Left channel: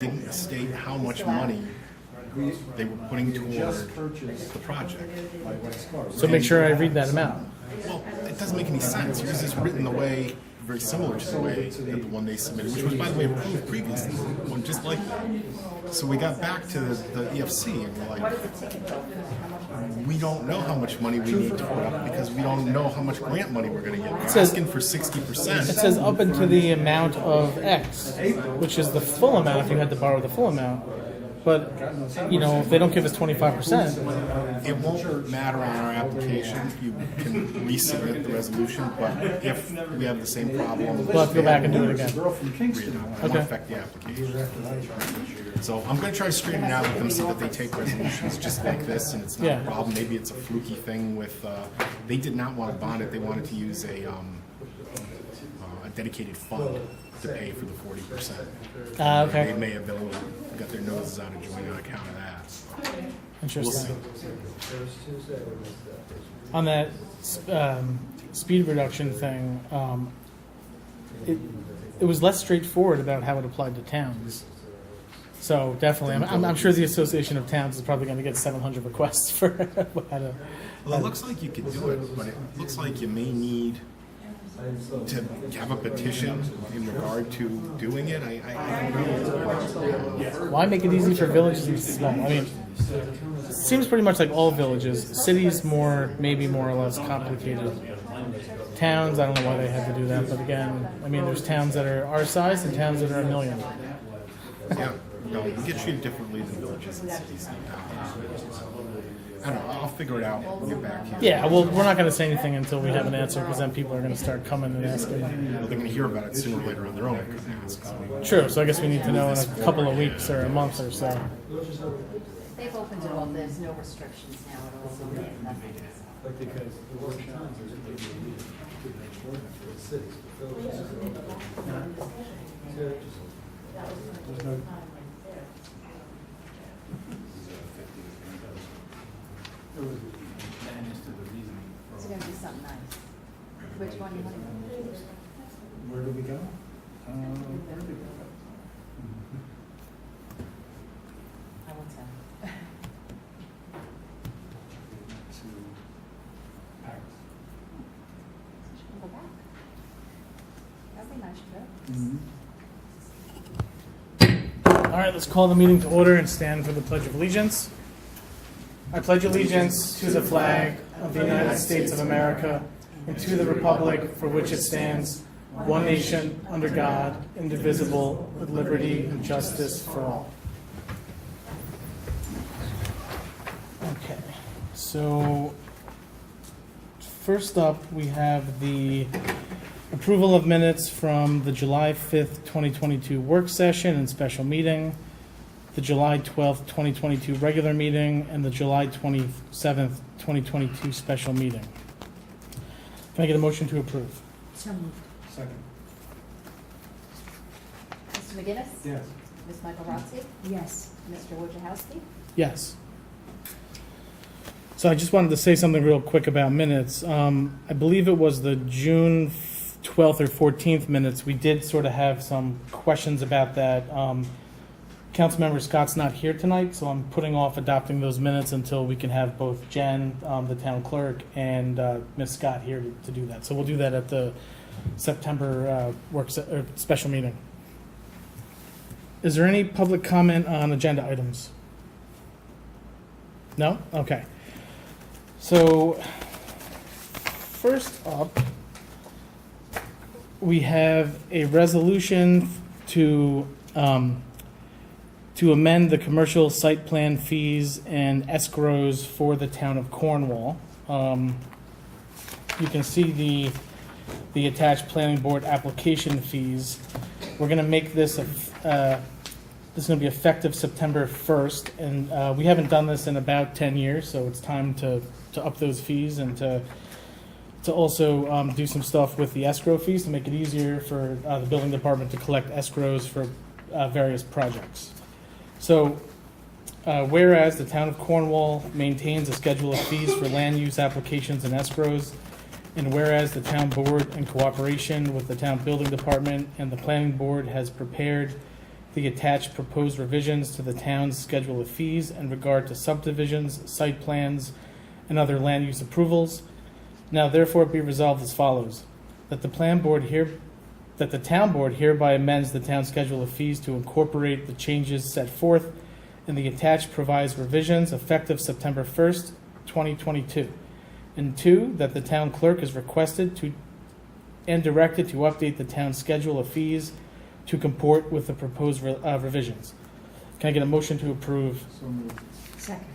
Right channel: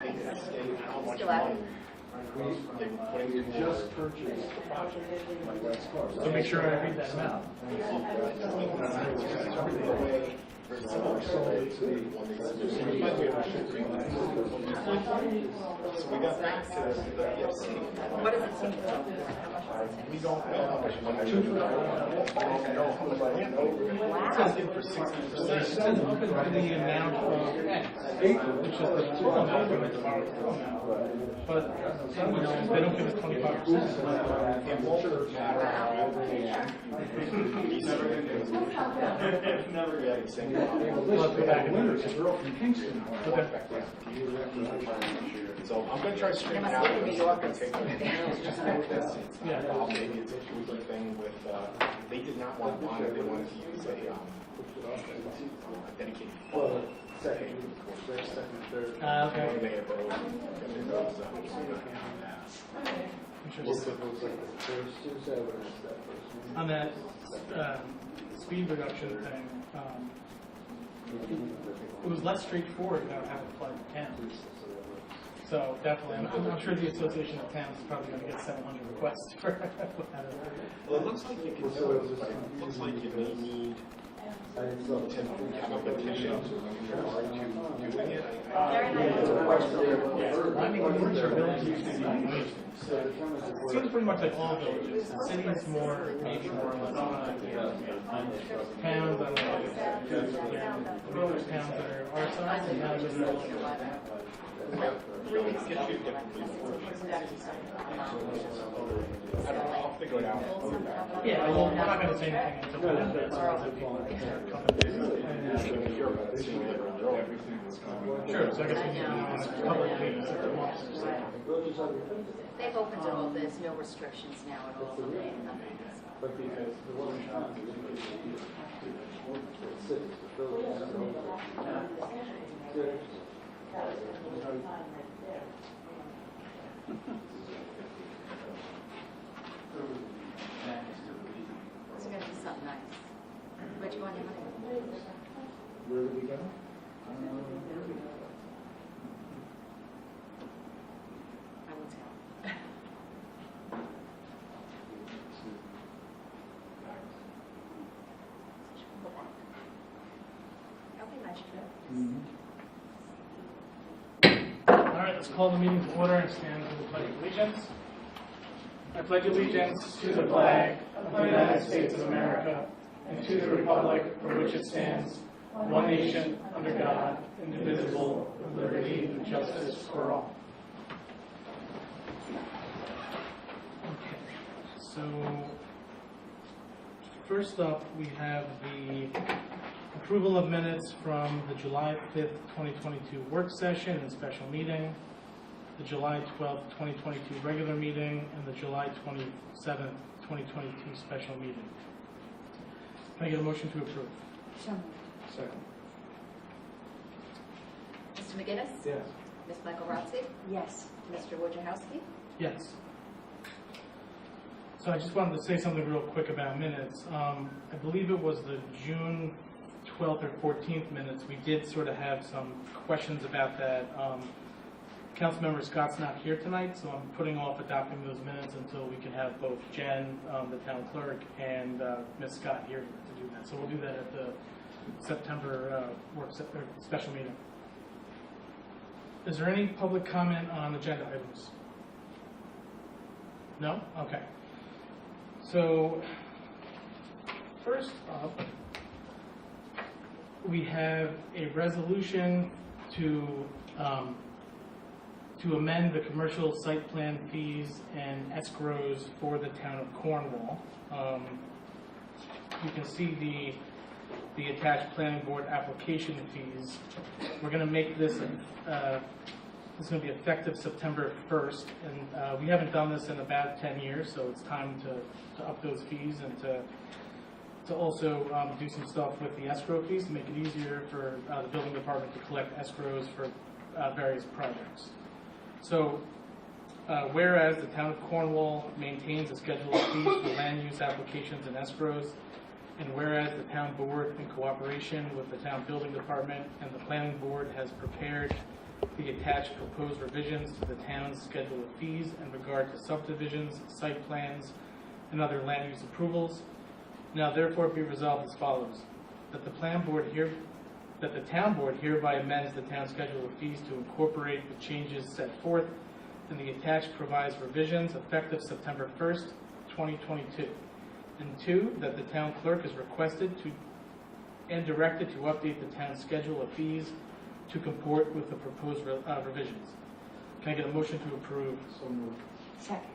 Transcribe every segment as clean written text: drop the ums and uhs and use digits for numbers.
didn't state how much money they were putting towards the project. So make sure I read that amount. Well, it doesn't make any sense. Yours is written the way, very similar to the way that the one they submitted, which was, by the way, approved previously, one just like that. So we got back to the EFC and we're like, we don't know how much money we need for it because we don't know how much grant money we're going to get. We're asking for 60%. It says up into the amount of X, which is the full amount if you had to borrow the full amount. But, you know, if they don't give us 25%. It won't matter on our application. You can resubmit the resolution, but if we have the same problem, We'll have to go back and do it again. it won't affect the application. So I'm going to try to straighten it out with them so that they take resolutions just like this, and it's not a problem. Maybe it's a fluky thing with, they did not want to bond it. They wanted to use a dedicated fund to pay for the 40%. Okay. They may have been a little, got their noses out of joint on account of that. Interesting. On that speed reduction thing, it was less straightforward about how it applied to towns. So definitely, I'm sure the Association of Towns is probably going to get 700 requests for how to. Well, it looks like you could do it, but it looks like you may need to have a petition in regard to doing it. I don't know. Why make it easy for villages? Small? I mean, it seems pretty much like all villages. Cities maybe more or less complicated. Towns, I don't know why they have to do that, but again, I mean, there's towns that are our size and towns that are $1 million. Yeah, no, you get treated differently than villages and cities. I don't know. I'll figure it out. We'll get back. Yeah, well, we're not going to say anything until we have an answer, because then people are going to start coming and asking. They're going to hear about it sooner or later on their own. True, so I guess we need to know in a couple of weeks or a month or so. They've opened it all, there's no restrictions now at all. It's gonna be something nice. Which one you want to go? Where did we go? Where did we go? I won't tell. To Paris. Go back. That'll be a nice trip. All right, let's call the meeting to order and stand for the Pledge of Allegiance. I pledge allegiance to the flag of the United States of America and to the republic for which it stands, one nation, under God, indivisible, with liberty and justice for all. Okay, so first up, we have the approval of minutes from the July 5th, 2022 work session and special meeting, the July 12th, 2022 regular meeting, and the July 27th, 2022 special meeting. Can I get a motion to approve? So moved. Second. Mr. McGinnis? Yes. Ms. Michael Rotzi? Yes. Mr. Wojciechowski? Yes. So I just wanted to say something real quick about minutes. I believe it was the June 12th or 14th minutes. We did sort of have some questions about that. Councilmember Scott's not here tonight, so I'm putting off adopting those minutes until we can have both Jen, the town clerk, and Ms. Scott here to do that. So we'll do that at the September special meeting. Is there any public comment on agenda items? No? Okay. So first up, we have a resolution to amend the commercial site plan fees and escrows for the town of Cornwall. You can see the attached planning board application fees. We're going to make this this is going to be effective September 1st, and we haven't done this in about 10 years, so it's time to up those fees and to also do some stuff with the escrow fees to make it easier for the building department to collect escrows for various projects. So, whereas the town of Cornwall maintains a schedule of fees for land use applications and escrows, and whereas the town board, in cooperation with the town building department and the planning board, has prepared the attached proposed revisions to the town's schedule of fees in regard to subdivisions, site plans, and other land use approvals. Now therefore be resolved as follows, that the town board hereby amends the town schedule of fees to incorporate the changes set forth in the attached provised revisions effective September 1st, 2022. And 2, that the town clerk is requested to and directed to update the town schedule of fees to comport with the proposed revisions. Can I get a motion to approve? So moved. Second.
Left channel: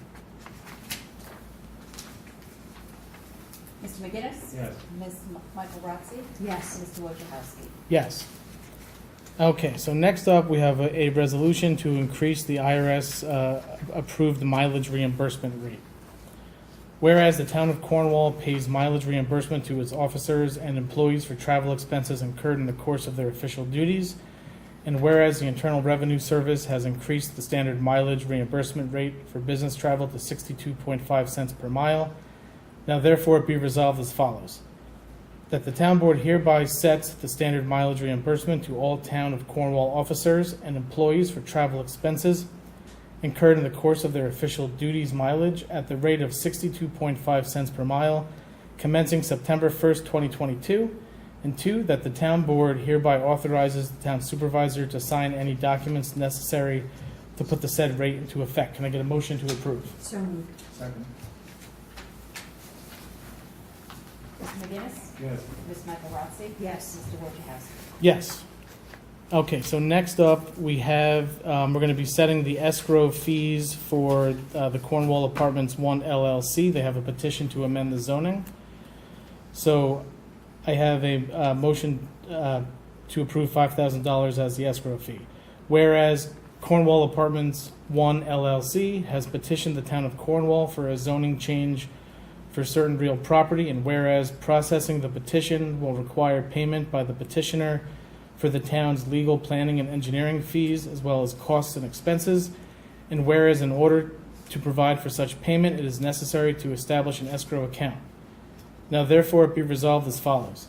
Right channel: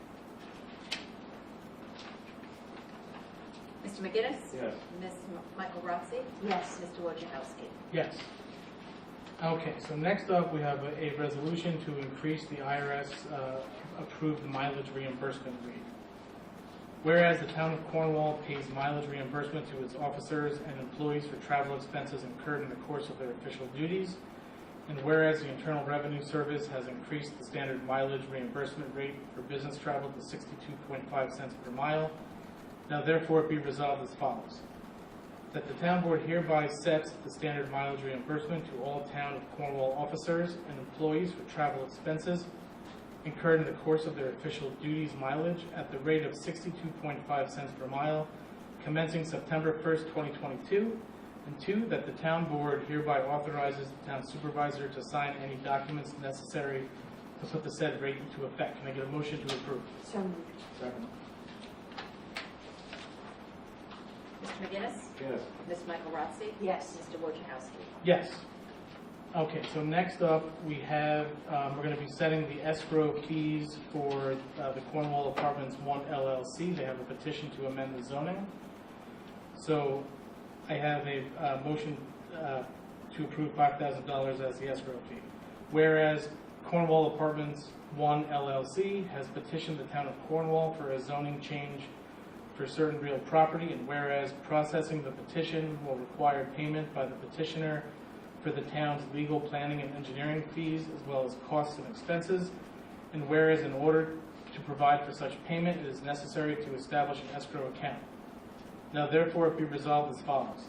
Mr. McGinnis? Yes. Ms. Michael Rotzi? Yes. Mr. Wojciechowski? Yes. Okay, so next up, we have a resolution to increase the IRS approved mileage reimbursement rate. Whereas the town of Cornwall pays mileage reimbursement to its officers and employees for travel expenses incurred in the course of their official duties, and whereas the Internal Revenue Service has increased the standard mileage reimbursement rate for business travel to 62.5 cents per mile, now therefore it be resolved as follows. That the town board hereby sets the standard mileage reimbursement to all town of Cornwall officers and employees for travel expenses incurred in the course of their official duties mileage at the rate of 62.5 cents per mile, commencing September 1st, 2022. And 2, that the town board hereby authorizes the town supervisor to sign any documents necessary to put the said rate into effect. Can I get a motion to approve? So moved. Second. Mr. McGinnis? Yes. Ms. Michael Rotzi? Yes. Mr. Wojciechowski? Yes. Okay, so next up, we have, we're going to be setting the escrow fees for the Cornwall Apartments 1 LLC. They have a petition to amend the zoning. So I have a motion to approve $5,000 as the escrow fee. Whereas Cornwall Apartments 1 LLC has petitioned the town of Cornwall for a zoning change for certain real property, and whereas processing the petition will require payment by the petitioner for the town's legal, planning, and engineering fees, as well as costs and expenses, and whereas in order to provide for such payment, it is necessary to establish an escrow account. Now therefore it be resolved as follows,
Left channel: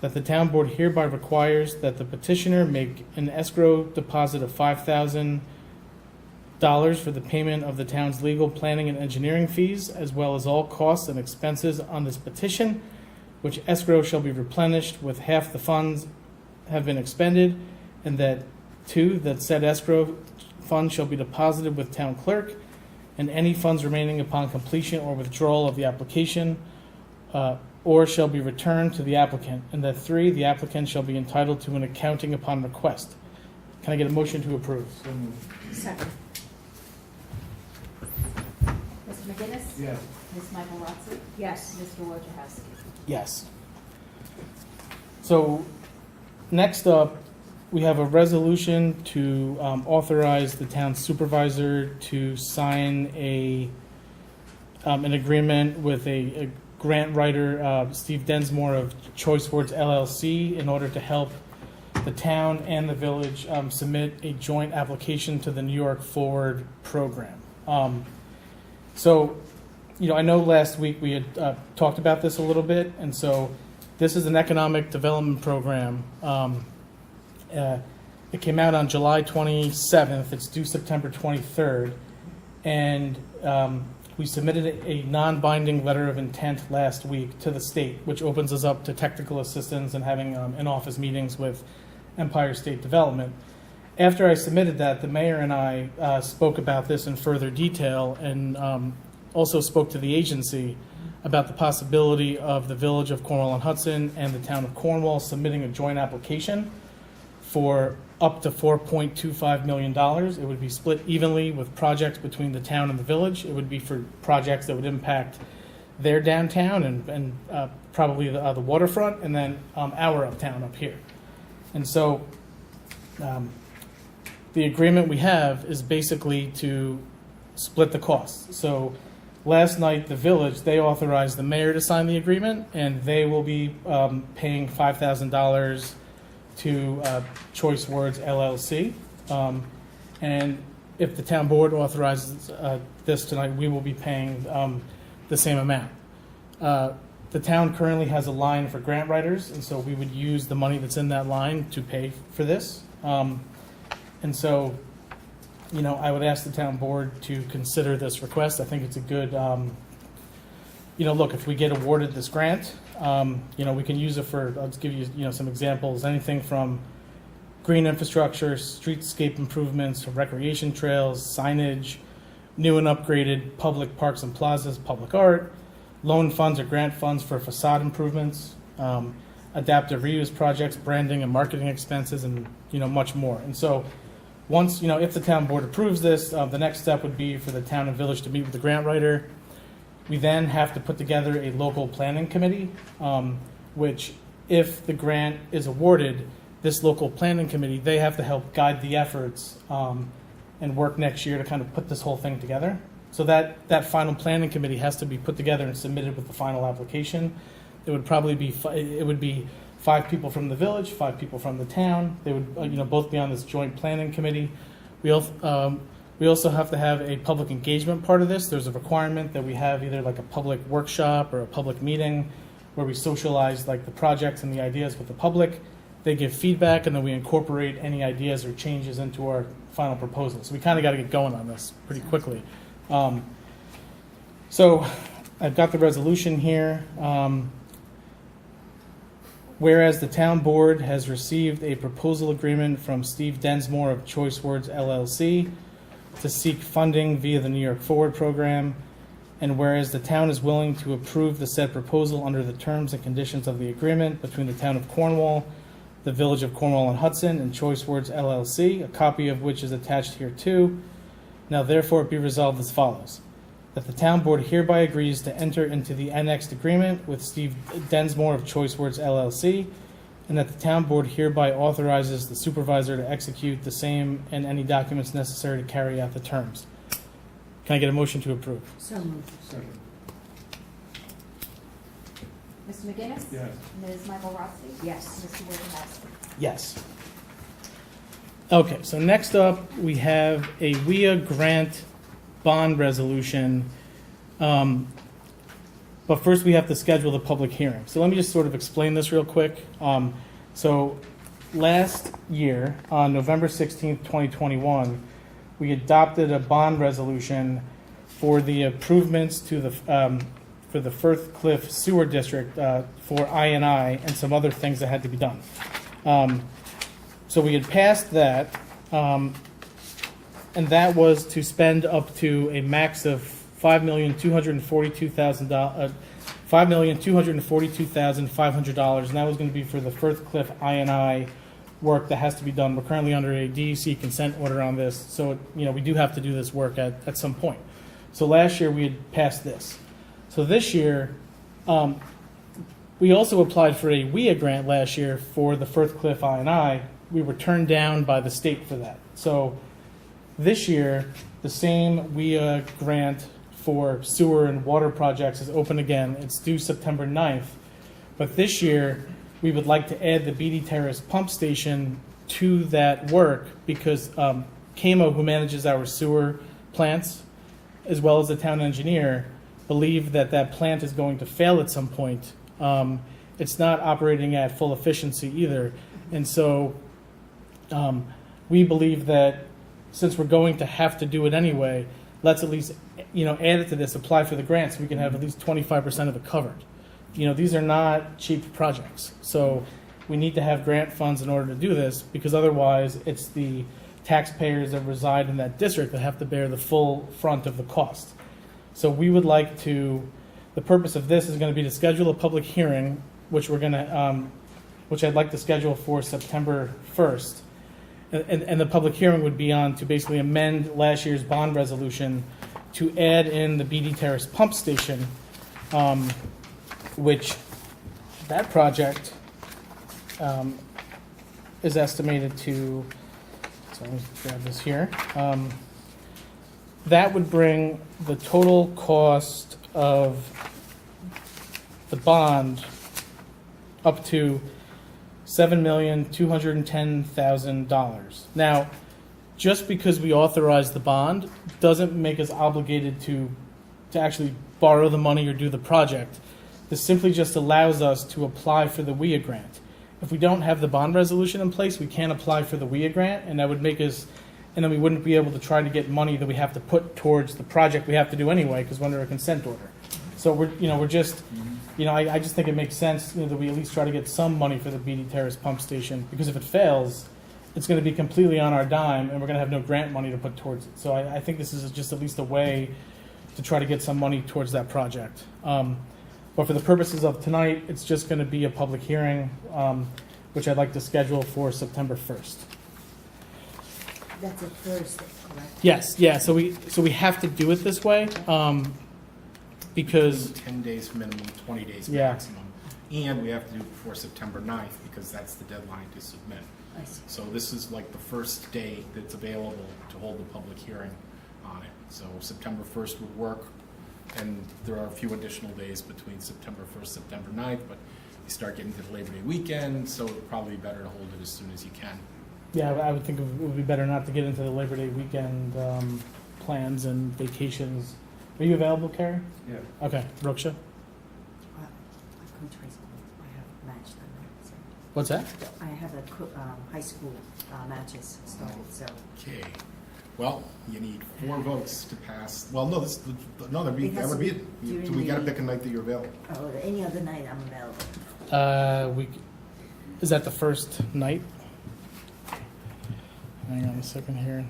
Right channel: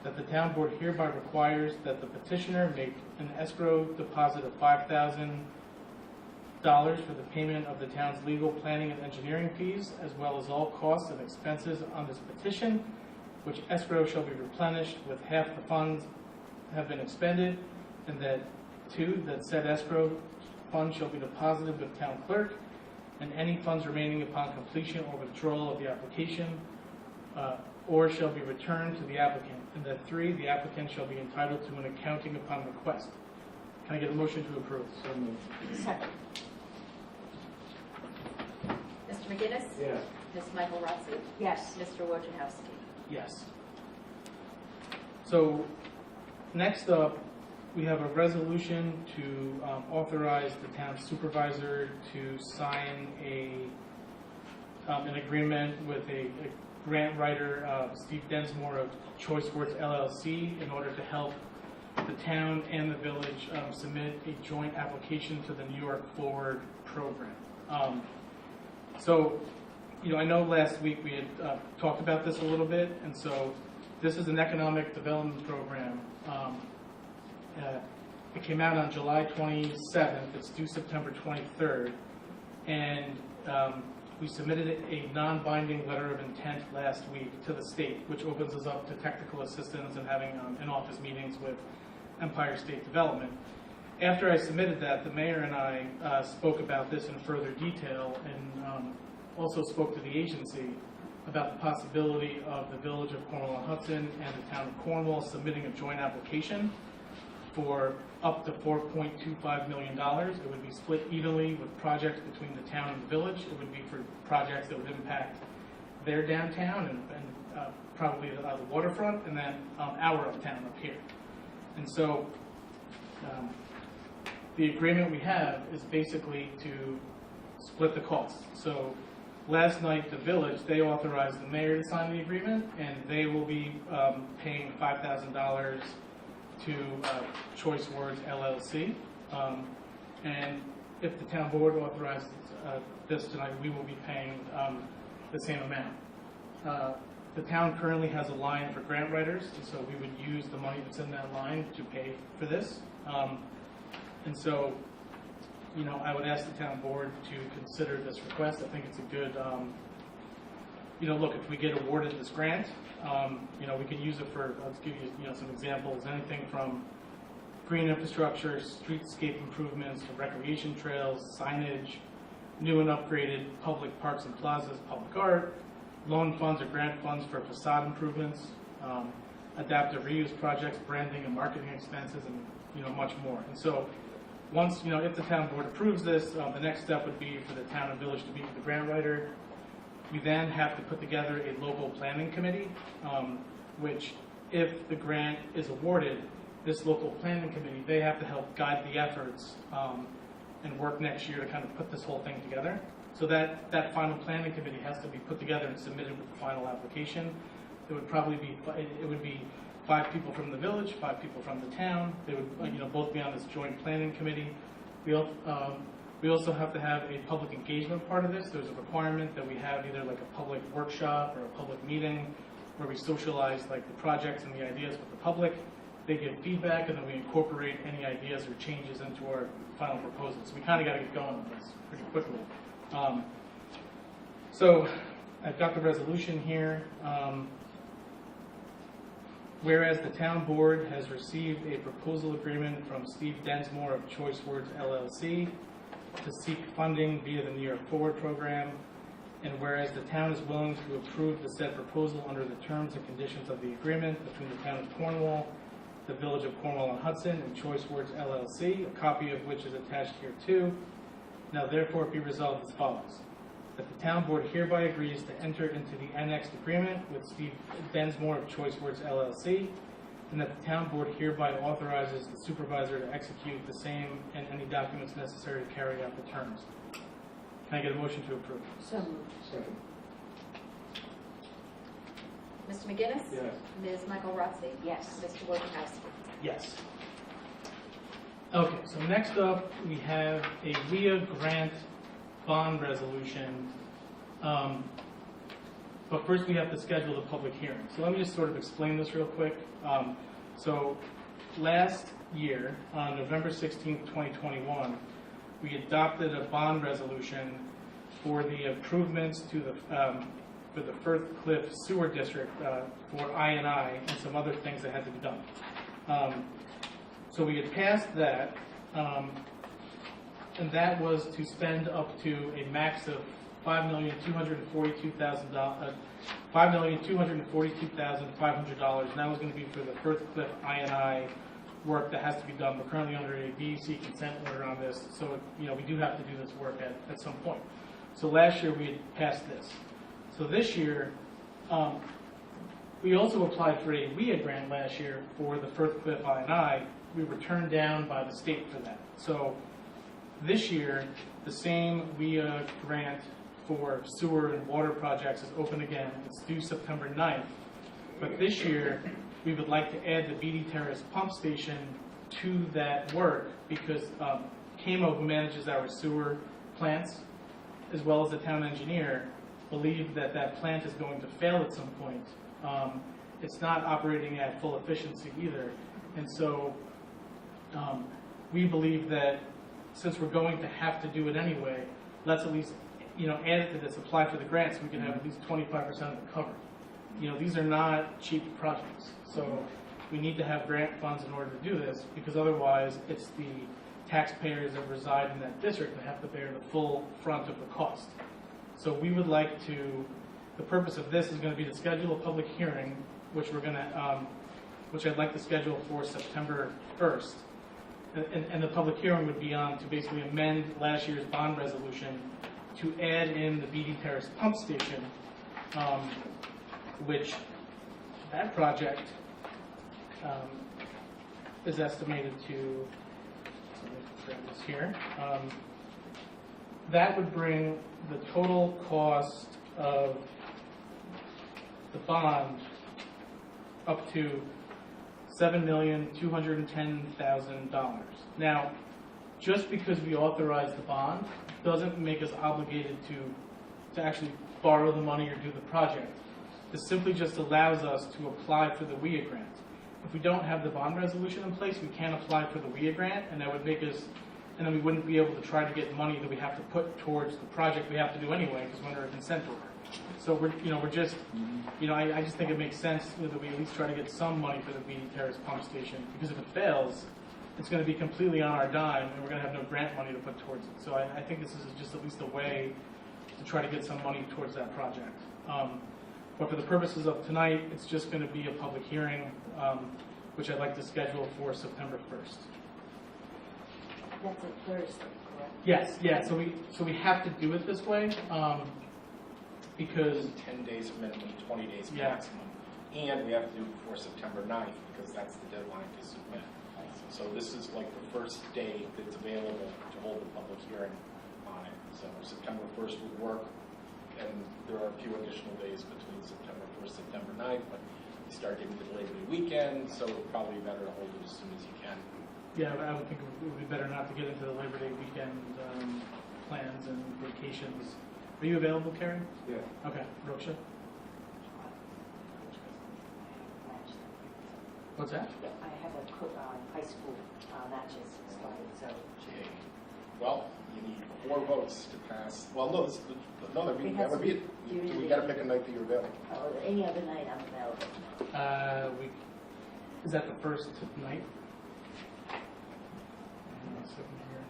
that the town board hereby requires that the petitioner make an escrow deposit of $5,000 for the payment of the town's legal, planning, and engineering fees, as well as all costs and expenses on this petition, which escrow shall be replenished with half the funds have been expended, and that 2, that said escrow fund shall be deposited with town clerk, and any funds remaining upon completion or withdrawal of the application or shall be returned to the applicant, and that 3, the applicant shall be entitled to an accounting upon request. Can I get a motion to approve? So moved. Second. Mr. McGinnis? Yes. Ms. Michael Rotzi? Yes. Mr. Wojciechowski? Yes. So, next up, we have a resolution to authorize the town supervisor to sign an agreement with a grant writer, Steve Densmore of Choice Words LLC, in order to help the town and the village submit a joint application to the New York Forward program. So, I know last week we had talked about this a little bit, and so this is an economic development program. It came out on July 27th. It's due September 23rd, and we submitted a non-binding letter of intent last week to the state, which opens us up to technical assistance and having in-office meetings with Empire State Development. After I submitted that, the mayor and I spoke about this in further detail, and also spoke to the agency about the possibility of the village of Cornwall-on-Hudson and the town of Cornwall submitting a joint application for up to $4.25 million. It would be split evenly with projects between the town and the village. It would be for projects that would impact their downtown and probably the waterfront, and then our uptown up here. And so the agreement we have is basically to split the costs. So last night, the village, they authorized the mayor to sign the agreement, and they will be paying $5,000 to Choice Words LLC. And if the town board authorizes this tonight, we will be paying the same amount. The town currently has a line for grant writers, and so we would use the money that's in that line to pay for this. And so, you know, I would ask the town board to consider this request. I think it's a good, you know, look, if we get awarded this grant, you know, we can use it for, I'll just give you, you know, some examples, anything from green infrastructure, streetscape improvements, recreation trails, signage, new and upgraded public parks and plazas, public art, loan funds or grant funds for facade improvements, adaptive reuse projects, branding and marketing expenses, and, you know, much more. And so once, you know, if the town board approves this, the next step would be for the town and village to meet with the grant writer. We then have to put together a local planning committee, which, if the grant is awarded, this local planning committee, they have to help guide the efforts and work next year to kind of put this whole thing together. So that final planning committee has to be put together and submitted with the final application. It would probably be, it would be 5 people from the village, 5 people from the town. They would, you know, both be on this joint planning committee. We also have to have a public engagement part of this. There's a requirement that we have either like a public workshop or a public meeting where we socialize like the projects and the ideas with the public. They give feedback, and then we incorporate any ideas or changes into our final proposal. So we kind of got to get going on this pretty quickly. So I've got the resolution here. Whereas the town board has received a proposal agreement from Steve Densmore of Choice Words LLC to seek funding via the New York Forward program, and whereas the town is willing to approve the said proposal under the terms and conditions of the agreement between the town of Cornwall, the village of Cornwall on Hudson, and Choice Words LLC, a copy of which is attached here too. Now therefore it be resolved as follows: that the town board hereby agrees to enter into the annexed agreement with Steve Densmore of Choice Words LLC, and that the town board hereby authorizes the supervisor to execute the same and any documents necessary to carry out the terms. Can I get a motion to approve? So moved. Second. Mr. McGinnis? Yes. Ms. Michael Rotzi? Yes. Mr. Wojciechowski? Yes. Okay, so next up, we have a WIA grant bond resolution. But first we have to schedule the public hearing. So let me just sort of explain this real quick. So last year, on November 16th, 2021, we adopted a bond resolution for the improvements to the for the Firth Cliff Sewer District for INI and some other things that had to be done. So we had passed that, and that was to spend up to a max of $5,242,500, and that was going to be for the Firth Cliff INI work that has to be done. We're currently under a DEC consent order on this, so you know we do have to do this work at some point. So last year we had passed this. So this year, we also applied for a WIA grant last year for the Firth Cliff INI. We were turned down by the state for that. So this year, the same WIA grant for sewer and water projects is open again. It's due September 9th. But this year, we would like to add the Beatty Terrace pump station to that work because CAMO, who manages our sewer plants, as well as the town engineer, believe that that plant is going to fail at some point. It's not operating at full efficiency either. And so we believe that since we're going to have to do it anyway, let's at least add it to this, apply for the grant so we can have at least 25% of it covered. These are not cheap projects. So we need to have grant funds in order to do this because otherwise it's the taxpayers that reside in that district that have to bear the full front of the cost. So we would like to, the purpose of this is going to be to schedule a public hearing, which we're going to, which I'd like to schedule for September 1st. And the public hearing would be on to basically amend last year's bond resolution to add in the Beatty Terrace pump station, which that project is estimated to, so let me grab this here. That would bring the total cost of the bond up to $7,210,000. Now, just because we authorize the bond doesn't make us obligated to actually borrow the money or do the project. This simply just allows us to apply for the WIA grant. if we don't have the bond resolution in place, we can't apply for the WIA grant, and that would make us, and then we wouldn't be able to try to get money that we have to put towards the project we have to do anyway, because we're under a consent order. So we're just, I just think it makes sense, that we at least try to get some money for the BD Terrace pump station, because if it fails, it's gonna be completely on our dime, and we're gonna have no grant money to put towards it. So I think this is just at least a way to try to get some money towards that project. But for the purposes of tonight, it's just gonna be a public hearing, which I'd like to schedule for September 1st. That's a Thursday, correct? Yes, yeah, so we have to do it this way, because, 10 days minimum, 20 days Yeah. maximum. And we have to do it before September 9th, because that's the deadline to submit. I see. So this is like the first day that's available to hold the public hearing on it. So September 1st would work, and there are a few additional days between September 1st, September 9th, but you start getting to the Labor Day weekend, so it'd probably be better to hold it as soon as you can. yeah, I would think it would be better not to get into the Labor Day weekend plans and vacations. Are you available, Karen? Yeah. Okay, Roksha? Coach high school, I have match them, so. What's that? I have high school matches started, so. Okay. Well, you need 4 votes to pass. Well, no, that It has would to be be it. during So we gotta the- pick a night that you're available. Oh, any other night I'm available. Is that the first night? Hang on a second here.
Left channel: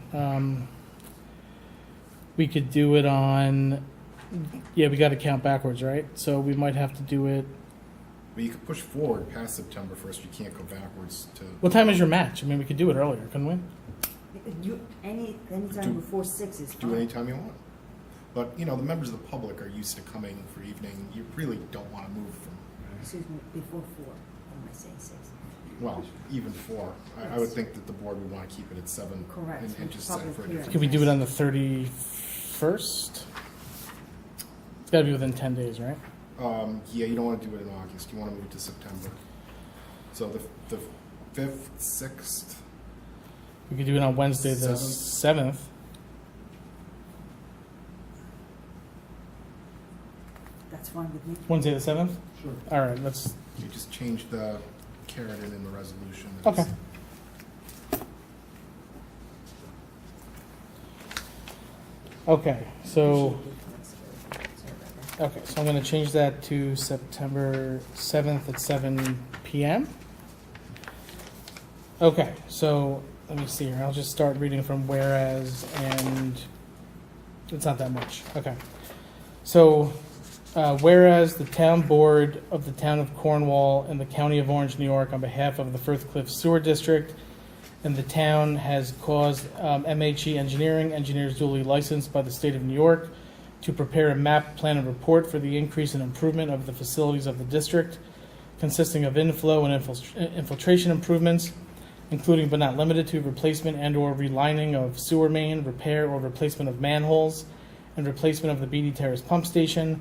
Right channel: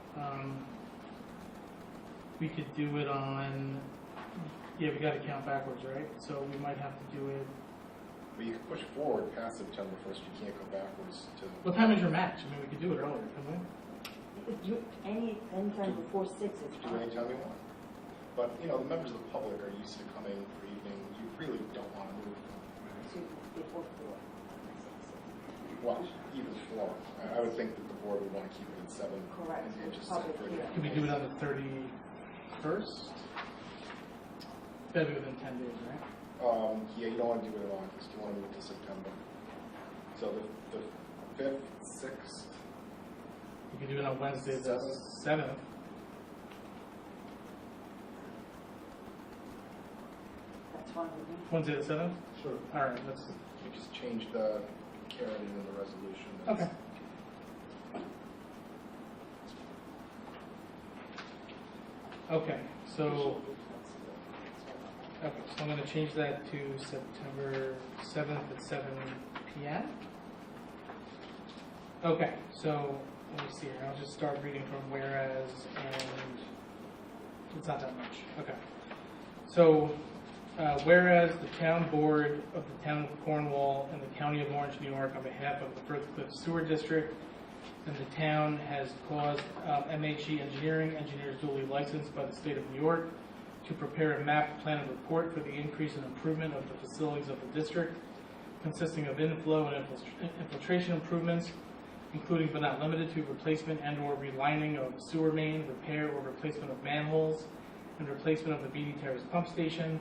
We could do it on, yeah, we gotta count backwards, right? So we might have to do it, But you could push forward past September 1st. You can't go backwards to. what time is your match? I mean, we could do it earlier, couldn't we? Anytime Do- before 6 is Do fine. anytime you want. But, the members of the public are used to coming for evening. You really don't want to move from, Excuse me, before 4, am I saying 6? well, even 4. I would think that the board would want to keep it at 7. Correct, And with just set public for a hearing. different Could we do it place. on the 31st? It's gotta be within 10 days, right? Yeah, you don't want to do it in August. You want to move it to September. So the 5th, 6th, We could do it on Wednesday, the 7th. 7th. That's fine with me. Wednesday the 7th? Sure. All right, let's, you just change the carrot in the resolution. okay. Okay, so, I'm gonna change that to September 7th at 7 PM. Okay, so, let me see here, I'll just start reading from whereas, and it's not that much, okay. So, whereas the town board of the town of Cornwall and the county of Orange, New York, on behalf of the Firth Cliff Sewer District and the town has caused MHE Engineering, engineers duly licensed by the state of New York, to prepare a map, plan, and report for the increase and improvement of the facilities of the district, consisting of inflow and infiltration improvements, including but not limited to replacement and/or relining of sewer main, repair or replacement of manholes, and replacement of the BD Terrace pump station,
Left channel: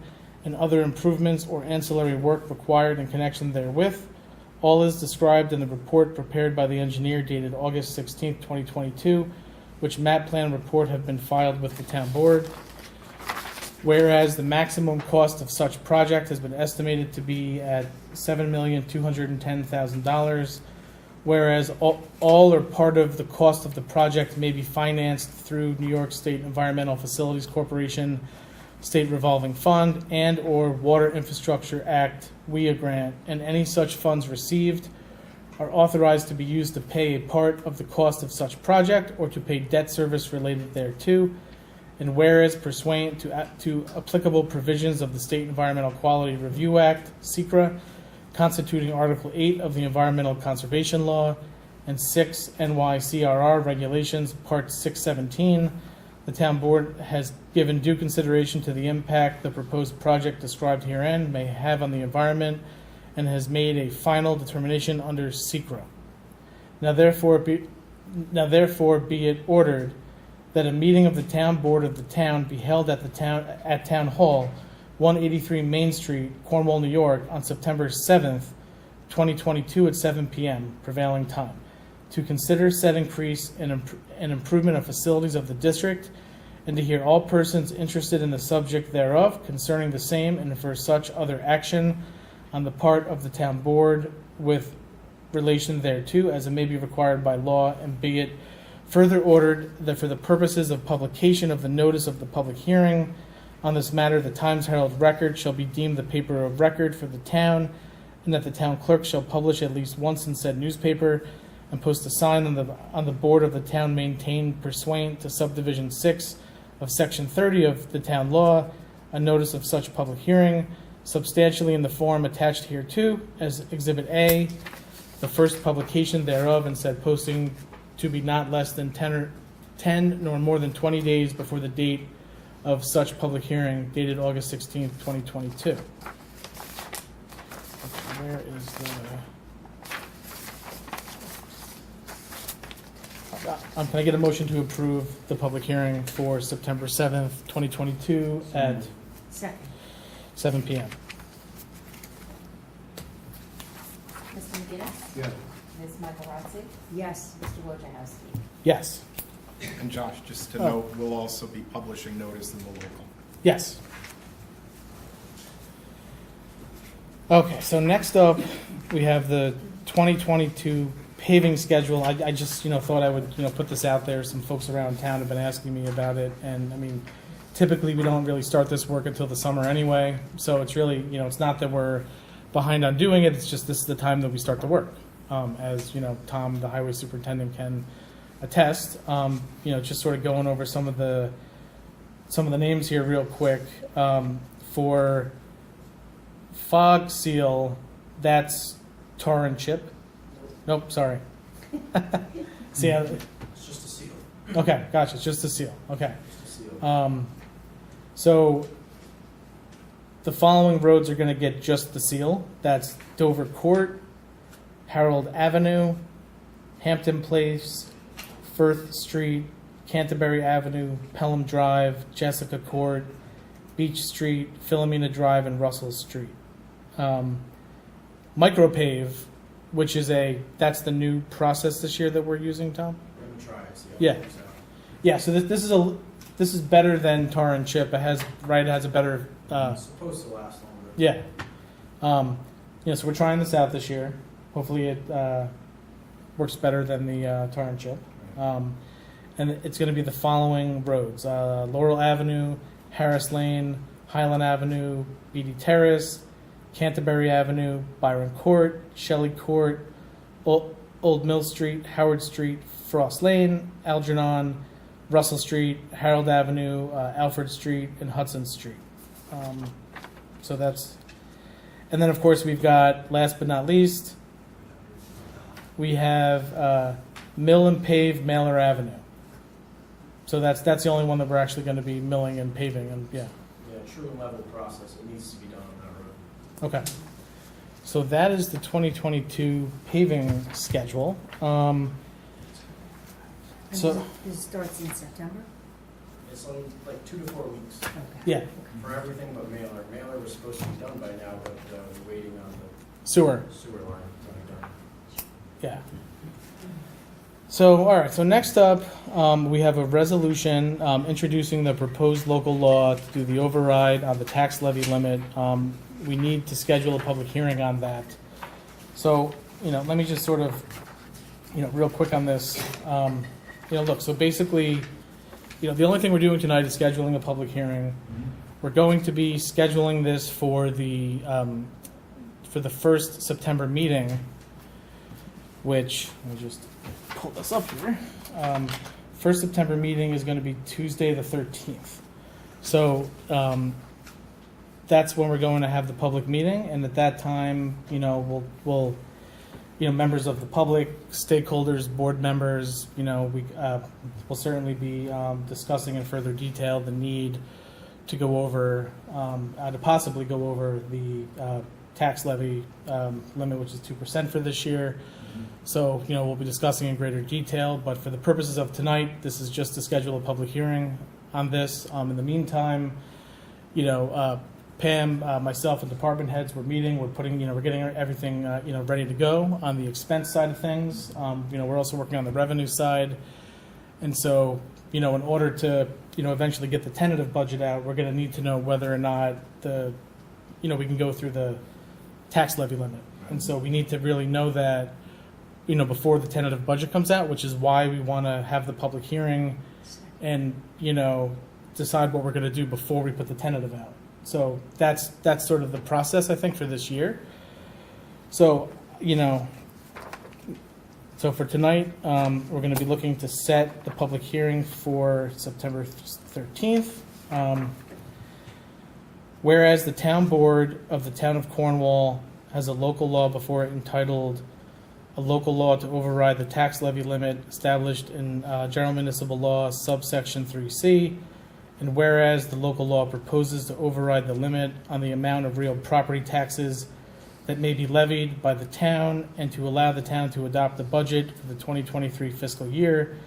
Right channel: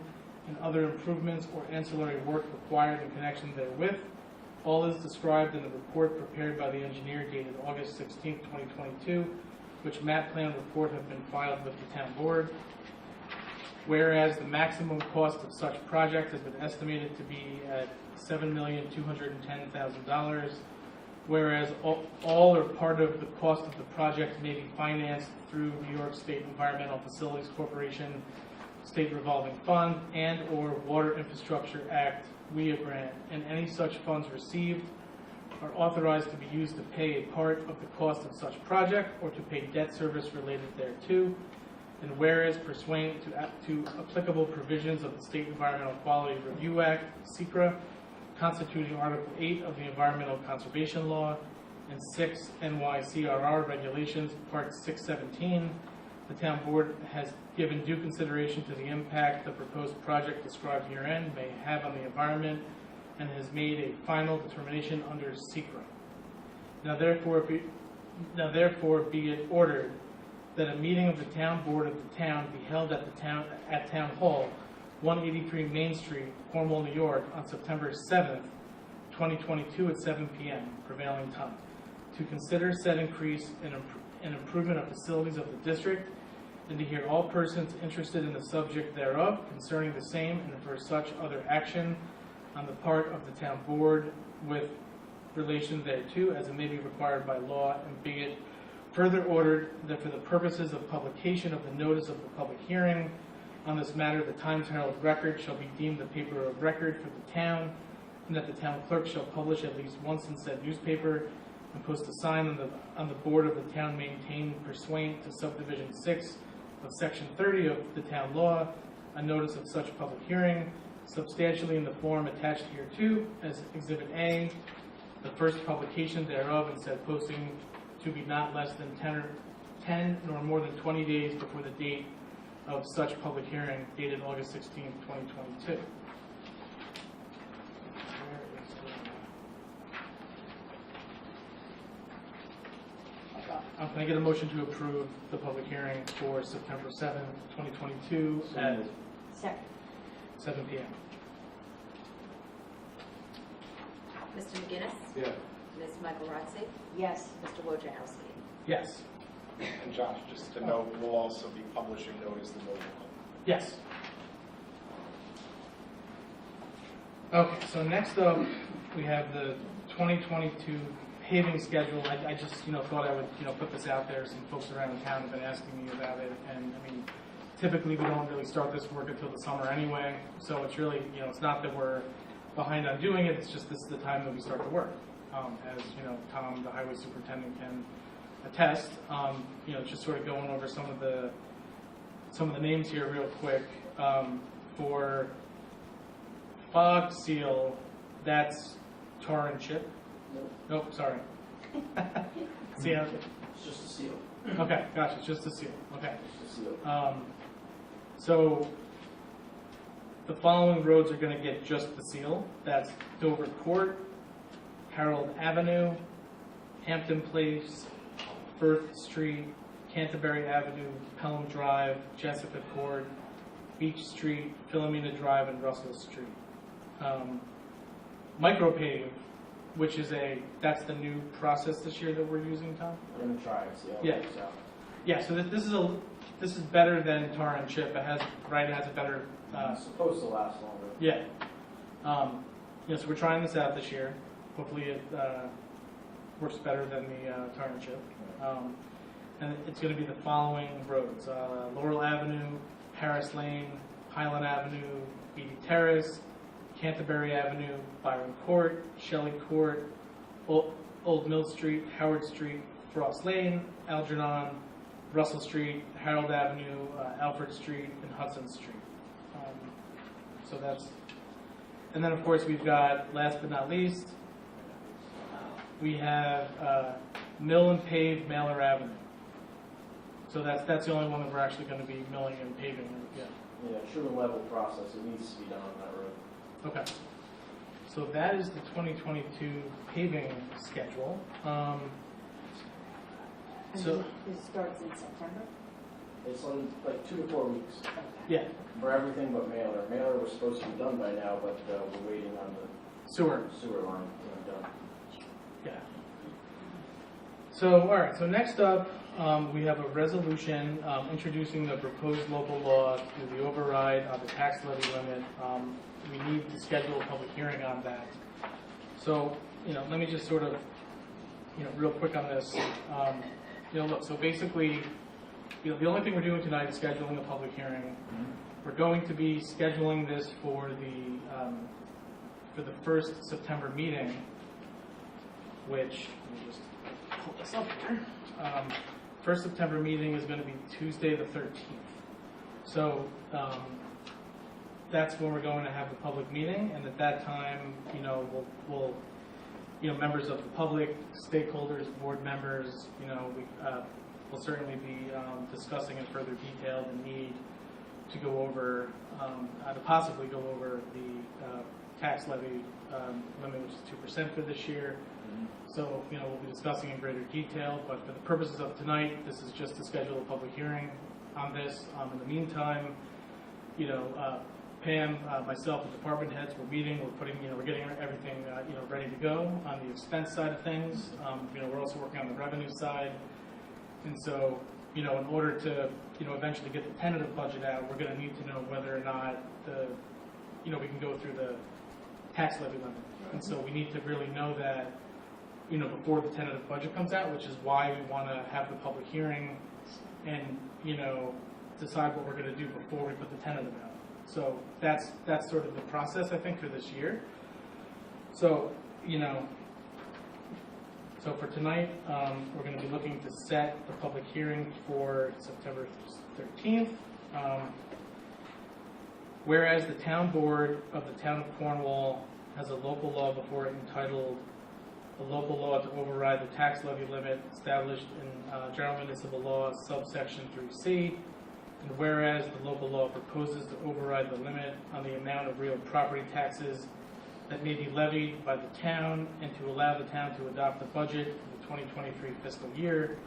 and other improvements or ancillary work required in connection therewith. All is described in the report prepared by the engineer dated August 16th, 2022, which map plan report have been filed with the town board. Whereas the maximum cost of such project has been estimated to be at $7,210,000. Whereas all or part of the cost of the project may be financed through New York State Environmental Facilities Corporation, State Revolving Fund, and/or Water Infrastructure Act WIA grant, and any such funds received are authorized to be used to pay a part of the cost of such project or to pay debt service related thereto. And whereas pursuant to applicable provisions of the State Environmental Quality Review Act, (SECRA), constituting Article 8 of the Environmental Conservation Law, and 6 NYCRR Regulations, Part 617, the town board has given due consideration to the impact the proposed project described herein may have on the environment and has made a final determination under SECRA. Now therefore be it ordered that a meeting of the town board of the town be held at Town Hall, 183 Main Street, Cornwall, New York, on September 7th, 2022 at 7 p.m. prevailing time, to consider said increase and improvement of facilities of the district, and to hear all persons interested in the subject thereof concerning the same, and for such other action on the part of the town board with relation thereto, as it may be required by law, and be it further ordered that for the purposes of publication of the notice of the public hearing on this matter, the Times Herald Record shall be deemed the paper of record for the town, and that the town clerk shall publish at least once in said newspaper and post a sign on the board of the town maintained pursuant to subdivision 6 of section 30 of the town law, a notice of such public hearing, substantially in the form attached hereto as Exhibit A, the first publication thereof, and said posting to be not less than 10 nor more than 20 days before the date of such public hearing, dated August 16th, 2022. Where is the... Can I get a motion to approve the public hearing for September 7th, 2022 at Second. 7 p.m.? Mr. McGinnis? Yeah. Ms. Michaelozzi? Yes. Mr. Wojciechowski? Yes. And Josh, just to Oh. note, we'll also be publishing notice in the local. Yes. Okay, so next up, we have the 2022 paving schedule. I just, thought I would, put this out there. Some folks around town have been asking me about it, and I mean, typically we don't really start this work until the summer anyway, so it's really, it's not that we're behind on doing it, it's just this is the time that we start the work. As, Tom, the highway superintendent, can attest. Just sort of going over some of the names here real quick. For fog seal, that's tar and chip. Nope, sorry. See, It's just a seal. okay, gotcha. It's just a seal. Okay. Just a seal. So the following roads are going to get just the seal. That's Dover Court, Harold Avenue, Hampton Place, Firth Street, Canterbury Avenue, Pelham Drive, Jessica Court, Beach Street, Philomena Drive, and Russell Street. Micropave, which is that's the new process this year that we're using, Tom? We're gonna try it, see how Yeah. it works out. Yeah, so this is better than tar and chip. It has a better It's supposed to last longer. yeah. So we're trying this out this year. Hopefully it works better than the tar and chip. And it's going to be the following roads: Laurel Avenue, Harris Lane, Highland Avenue, Beatty Terrace, Canterbury Avenue, Byron Court, Shelley Court, Old Mill Street, Howard Street, Frost Lane, Algernon, Russell Street, Harold Avenue, Alfred Street, and Hudson Street. So that's, and then of course we've got, last but not least, we have Mill and Pave Mailer Avenue. So that's the only one that we're actually going to be milling and paving, and yeah. Yeah, true level process. It needs to be done on that road. Okay. So that is the 2022 paving schedule. So It starts in September? It's like 2 to 4 weeks yeah, for everything but mailer. Mailer was supposed to be done by now, but we're waiting on the sewer. sewer line to be done. Yeah. So, all right, so next up, we have a resolution introducing the proposed local law to do the override on the tax levy limit. We need to schedule a public hearing on that. So, let me just sort of, real quick on this. Look, so basically, the only thing we're doing tonight is scheduling a public hearing. We're going to be scheduling this for the first September meeting, which, let me just pull this up here. First September meeting is going to be Tuesday the 13th. So that's when we're going to have the public meeting, and at that time, we'll members of the public, stakeholders, board members, we'll certainly be discussing in further detail the need to go over, to possibly go over the tax levy limit, which is 2% for this year. So, we'll be discussing in greater detail, but for the purposes of tonight, this is just to schedule a public hearing on this. In the meantime, Pam, myself, and department heads, we're meeting, we're getting everything, ready to go on the expense side of things. We're also working on the revenue side. And so, in order to, eventually get the tentative budget out, we're going to need to know whether or not we can go through the tax levy limit. And so we need to really know that before the tentative budget comes out, which is why we want to have the public hearing and, decide what we're going to do before we put the tentative out. So that's sort of the process, I think, for this year. So, so for tonight, we're going to be looking to set the public hearing for September 13th. Whereas the town board of the town of Cornwall has a local law before it entitled a local law to override the tax levy limit established in General Municipal Law subsection 3C, and whereas the local law proposes to override the limit on the amount of real property taxes that may be levied by the town and to allow the town to adopt the budget for the 2023 fiscal year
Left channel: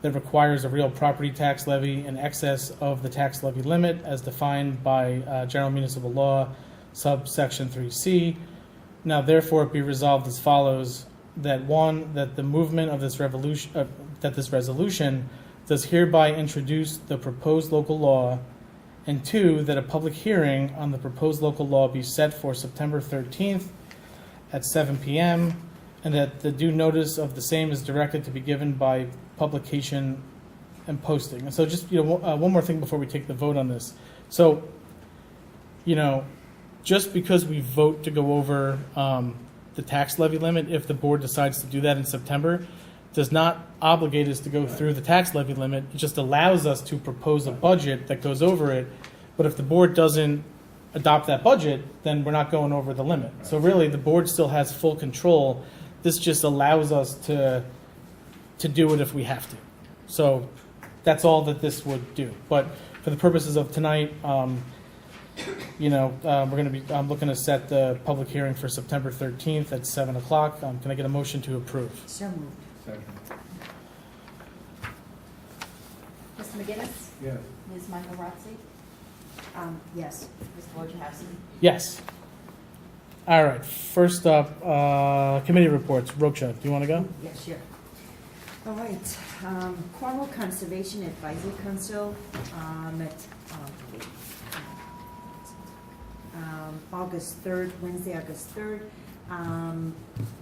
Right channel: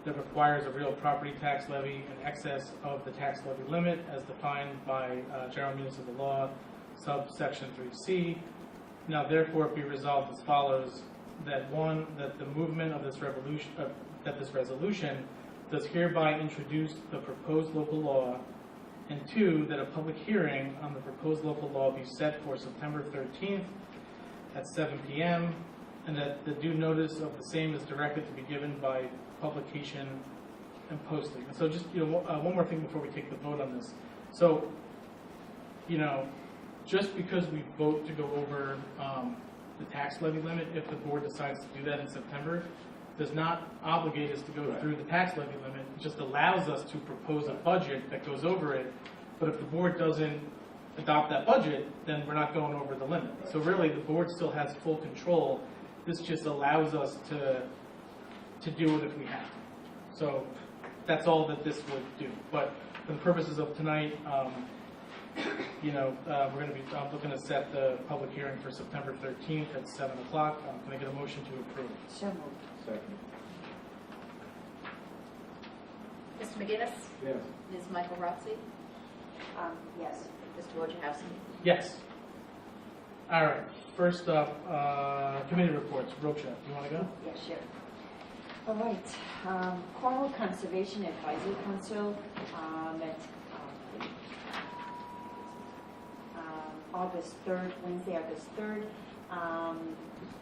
that requires a real property tax levy in excess of the tax levy limit as defined by General Municipal Law subsection 3C. Now therefore be resolved as follows: that one, that the movement of this resolution does hereby introduce the proposed local law, and two, that a public hearing on the proposed local law be set for September 13th at 7 p.m., and that the due notice of the same is directed to be given by publication and posting. And so just, one more thing before we take the vote on this. So, just because we vote to go over the tax levy limit, if the board decides to do that in September, does not obligate us to go through the tax levy limit. It just allows us to propose a budget that goes over it. But if the board doesn't adopt that budget, then we're not going over the limit. So really, the board still has full control. This just allows us to do it if we have to. So that's all that this would do. But for the purposes of tonight, I'm looking to set the public hearing for September 13th at 7 o'clock. Can I get a motion to approve? So moved. Second. Mr. McGinnis? Yes. Ms. Michael Rotzi? Yes. Mr. Wojciechowski? Yes. All right. First up, committee reports. Rocha, do you want to go? Yes, sure. All right. Cornwall Conservation Advisory Council met August 3rd, Wednesday, August 3rd.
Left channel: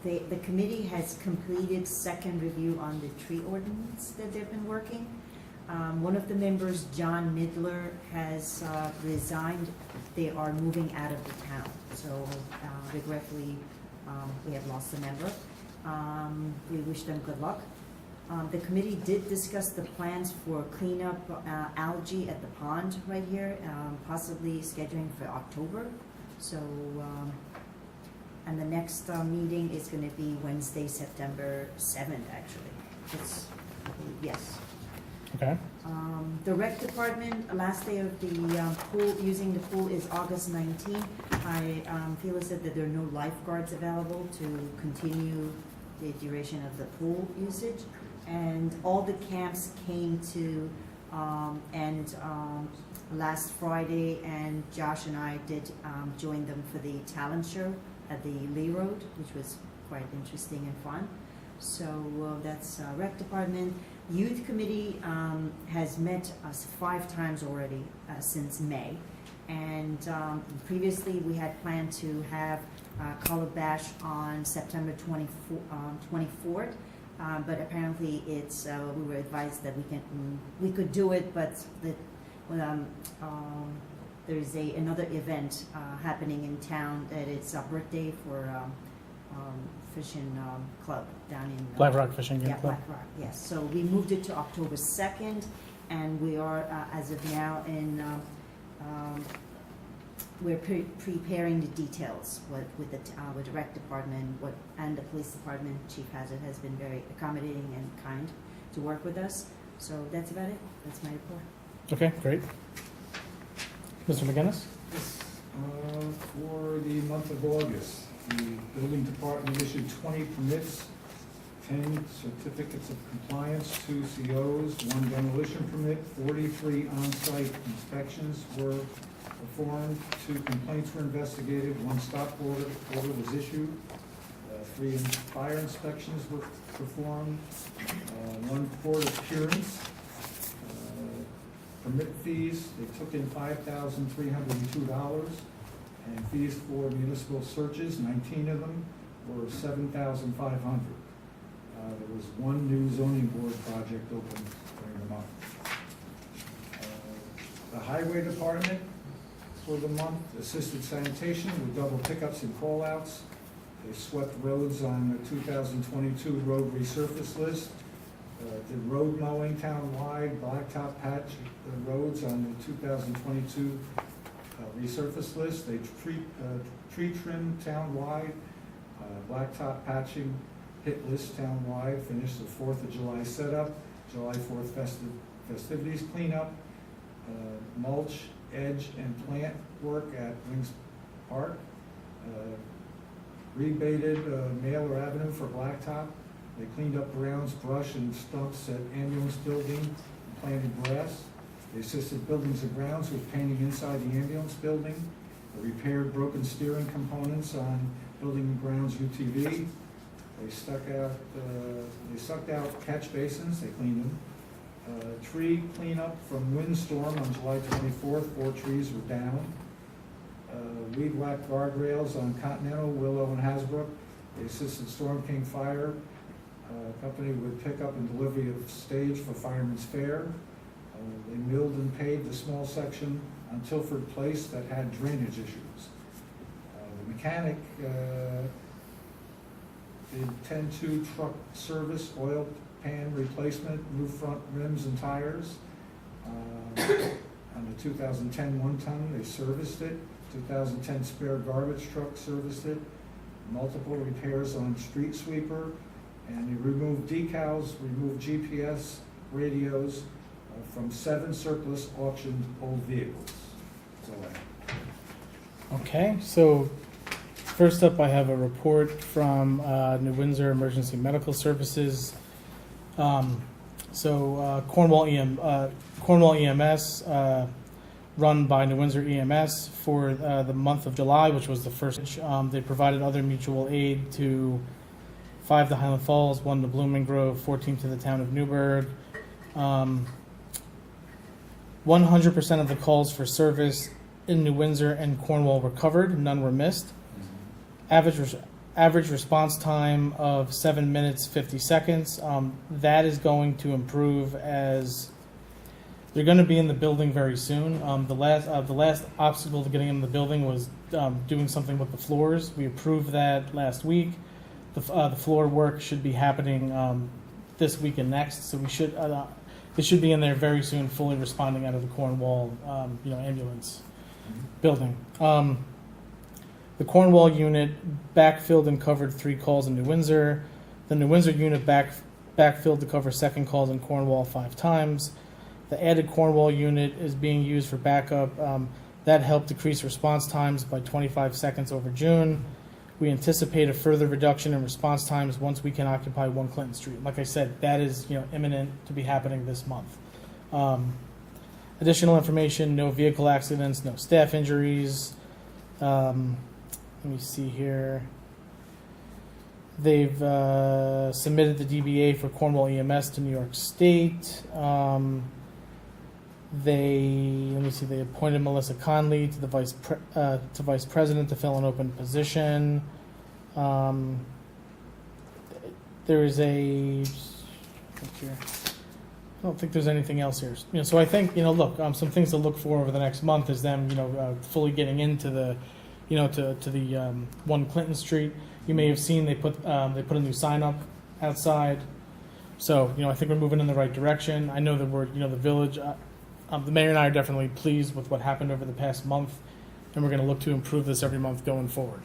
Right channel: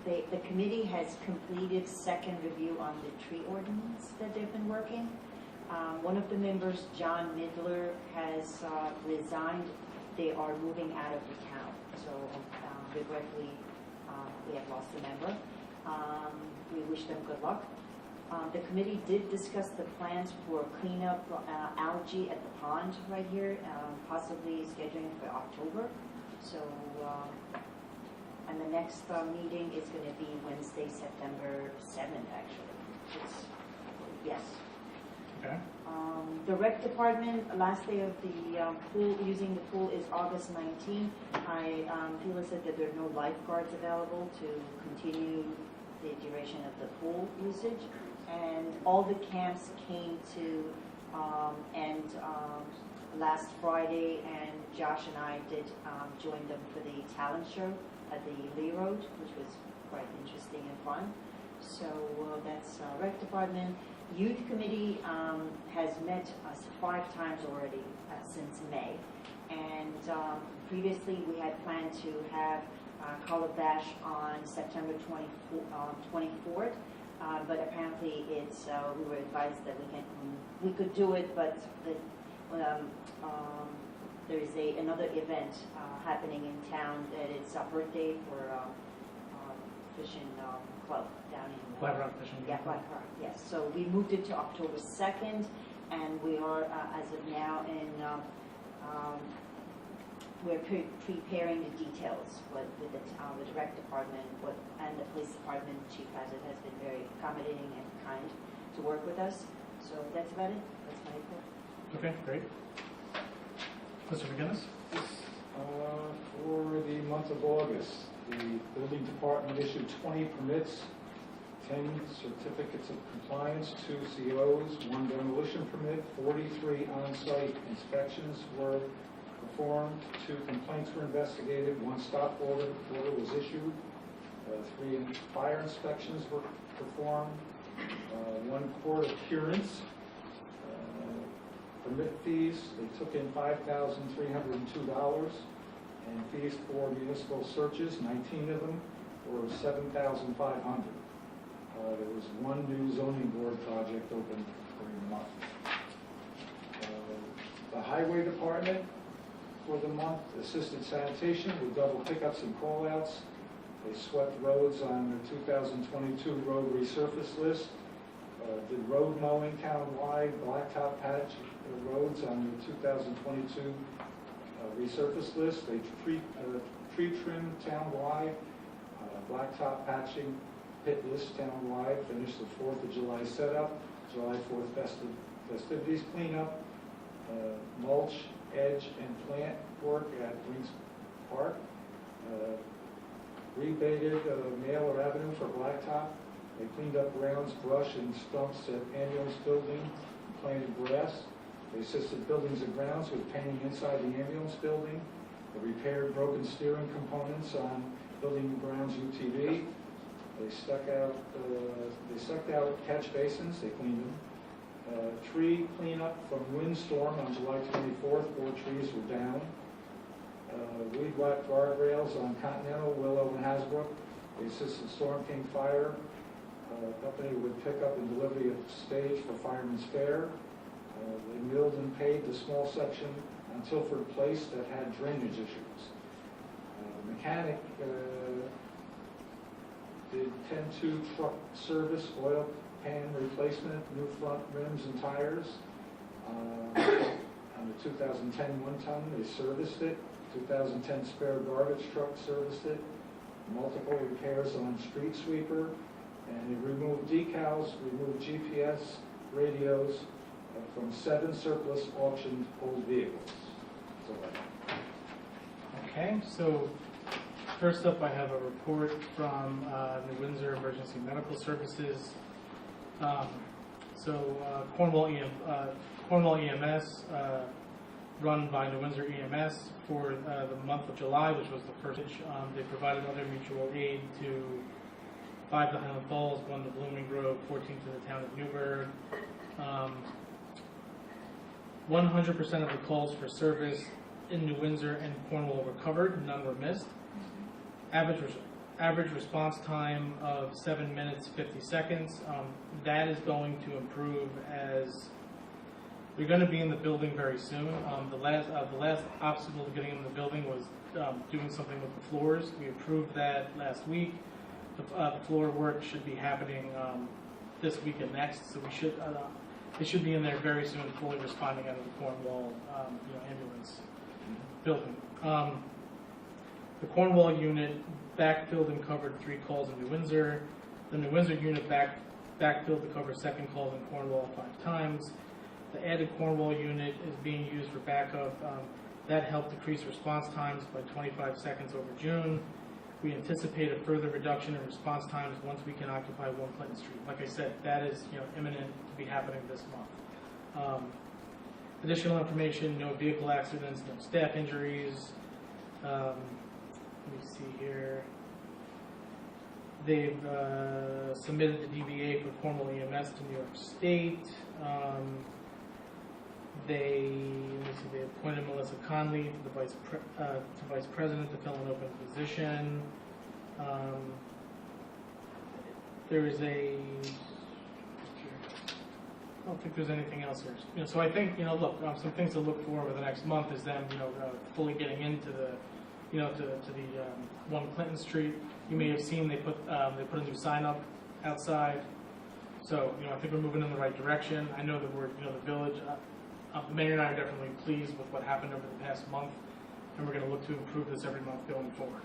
The committee has completed second review on the tree ordinance that they've been working. One of the members, John Midler, has resigned. They are moving out of the town. So regretfully, we have lost a member. We wish them good luck. The committee did discuss the plans for cleanup algae at the pond right here, possibly scheduling for October. So, and the next meeting is going to be Wednesday, September 7th, actually. Yes. Okay. The rec department, last day of the pool, using the pool is August 19th. I feel as if that there are no lifeguards available to continue the duration of the pool usage. And all the camps came to end last Friday, and Josh and I did join them for the talent show at the Lee Road, which was quite interesting and fun. So that's rec department. Youth committee has met us 5 times already since May, and previously we had planned to have Color Bash on September 24th. But apparently it's we were advised that we could do it, but there is another event happening in town that it's a birthday for fishing club down in Black Rock Fishing Game yeah, Club. Black Rock, yes. So we moved it to October 2nd, and we are as of now in we're preparing the details with the rec department and the police department. Chief Hazard has been very accommodating and kind to work with us. So that's about it. That's my report. Okay, great. Mr. McGinnis? For the month of August, the building department issued 20 permits, 10 certificates of compliance, 2 COs, 1 demolition permit, 43 on-site inspections were performed, 2 complaints were investigated, 1 stop order was issued, 3 fire inspections were performed, 1 court appearance. Permit fees, they took in $5,302, and fees for municipal searches, 19 of them, were $7,500. There was one new zoning board project open during the month. The highway department for the month assisted sanitation with double pickups and call-outs. They swept roads on the 2022 road resurface list. Did road mowing townwide, blacktop patch roads on the 2022 resurface list. They tree trim townwide, blacktop patching hit list townwide. Finished the 4th of July setup, July 4th festivities cleanup, mulch, edge, and plant work at Wings Park. Rebaited Mailer Avenue for blacktop. They cleaned up grounds, brush, and stumps at ambulance building, and planted grass. They assisted buildings and grounds with painting inside the ambulance building. They repaired broken steering components on building and grounds UTV. They sucked out catch basins, they cleaned them. Tree cleanup from windstorm on July 24th, 4 trees were down. Weed whacked guardrails on Continental, Willow, and Hasbrook. They assisted Storm King Fire Company with pickup and delivery of stage for Fireman's Fair. They milled and paved a small section on Tilford Place that had drainage issues. The mechanic did 10-2 truck service, oil pan replacement, new front rims and tires. On the 2010 one-ton, they serviced it. 2010 spare garbage truck serviced it. Multiple repairs on street sweeper. And they removed decals, removed GPS, radios from 7 surplus auctioned old vehicles. So Okay, so first up, I have a report from New Windsor Emergency Medical Services. Cornwall EMS, run by New Windsor EMS for the month of July, which was the first. They provided other mutual aid to 5 to Highland Falls, 1 to Blooming Grove, 14 to the town of Newburgh. 100% of the calls for service in New Windsor and Cornwall were covered, none were missed. Average response time of 7 minutes 50 seconds. That is going to improve as they're going to be in the building very soon. The last obstacle to getting in the building was doing something with the floors. We approved that last week. The floor work should be happening this week and next, so they should be in there very soon, fully responding out of the Cornwall ambulance building. The Cornwall unit backfilled and covered 3 calls in New Windsor. The New Windsor unit backfilled to cover 2nd calls in Cornwall 5 times. The added Cornwall unit is being used for backup. That helped decrease response times by 25 seconds over June. We anticipate a further reduction in response times once we can occupy 1 Clinton Street. Like I said, that is imminent to be happening this month. Additional information: no vehicle accidents, no staff injuries. Let me see here. They've submitted the DBA for Cornwall EMS to New York State. They appointed Melissa Conley to the vice president to fill an open position. There is I don't think there's anything else here. So I think some things to look for over the next month is them fully getting into the to the 1 Clinton Street. You may have seen they put a new sign up outside. So I think we're moving in the right direction. I know that we're the village. The mayor and I are definitely pleased with what happened over the past month, and we're going to look to improve this every month going forward.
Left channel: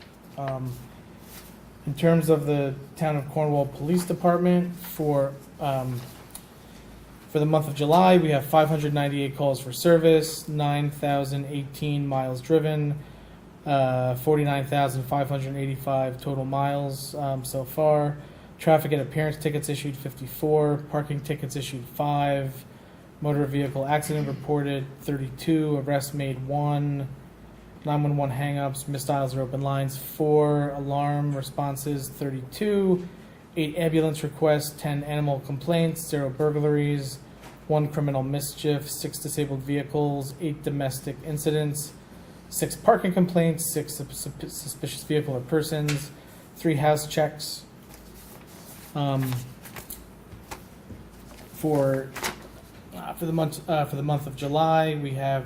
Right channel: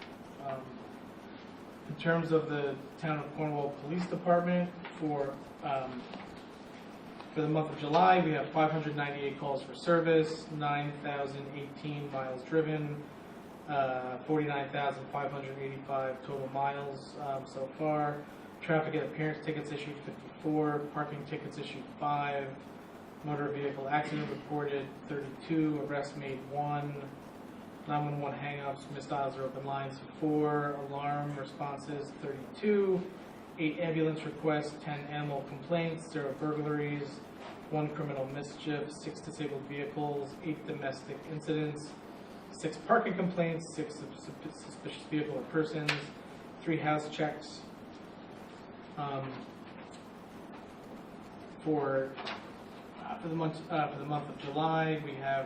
In terms of the Town of Cornwall Police Department, for the month of July, we have 598 calls for service, 9,018 miles driven, 49,585 total miles so far. Traffic and appearance tickets issued 54, parking tickets issued 5. Motor vehicle accident reported 32, arrests made 1, 911 hang-ups, missed dials or open lines 4, alarm responses 32, 8 ambulance requests, 10 animal complaints, 0 burglaries, 1 criminal mischief, 6 disabled vehicles, 8 domestic incidents, 6 parking complaints, 6 suspicious vehicle or persons, 3 house checks. For the month of July, we have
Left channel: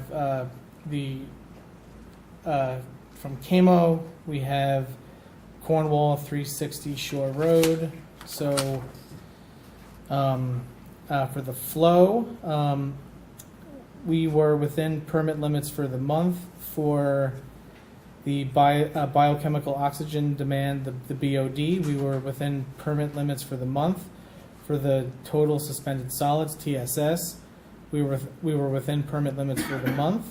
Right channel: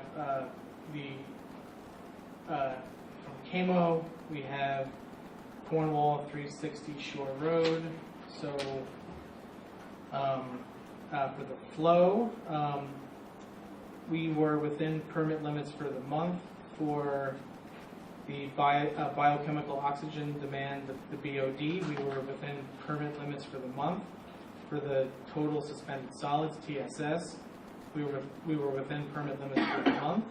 from Camo, we have Cornwall 360 Shore Road. So for the flow, we were within permit limits for the month. For the biochemical oxygen demand, the BOD, we were within permit limits for the month. For the total suspended solids, TSS, we were within permit limits for the month.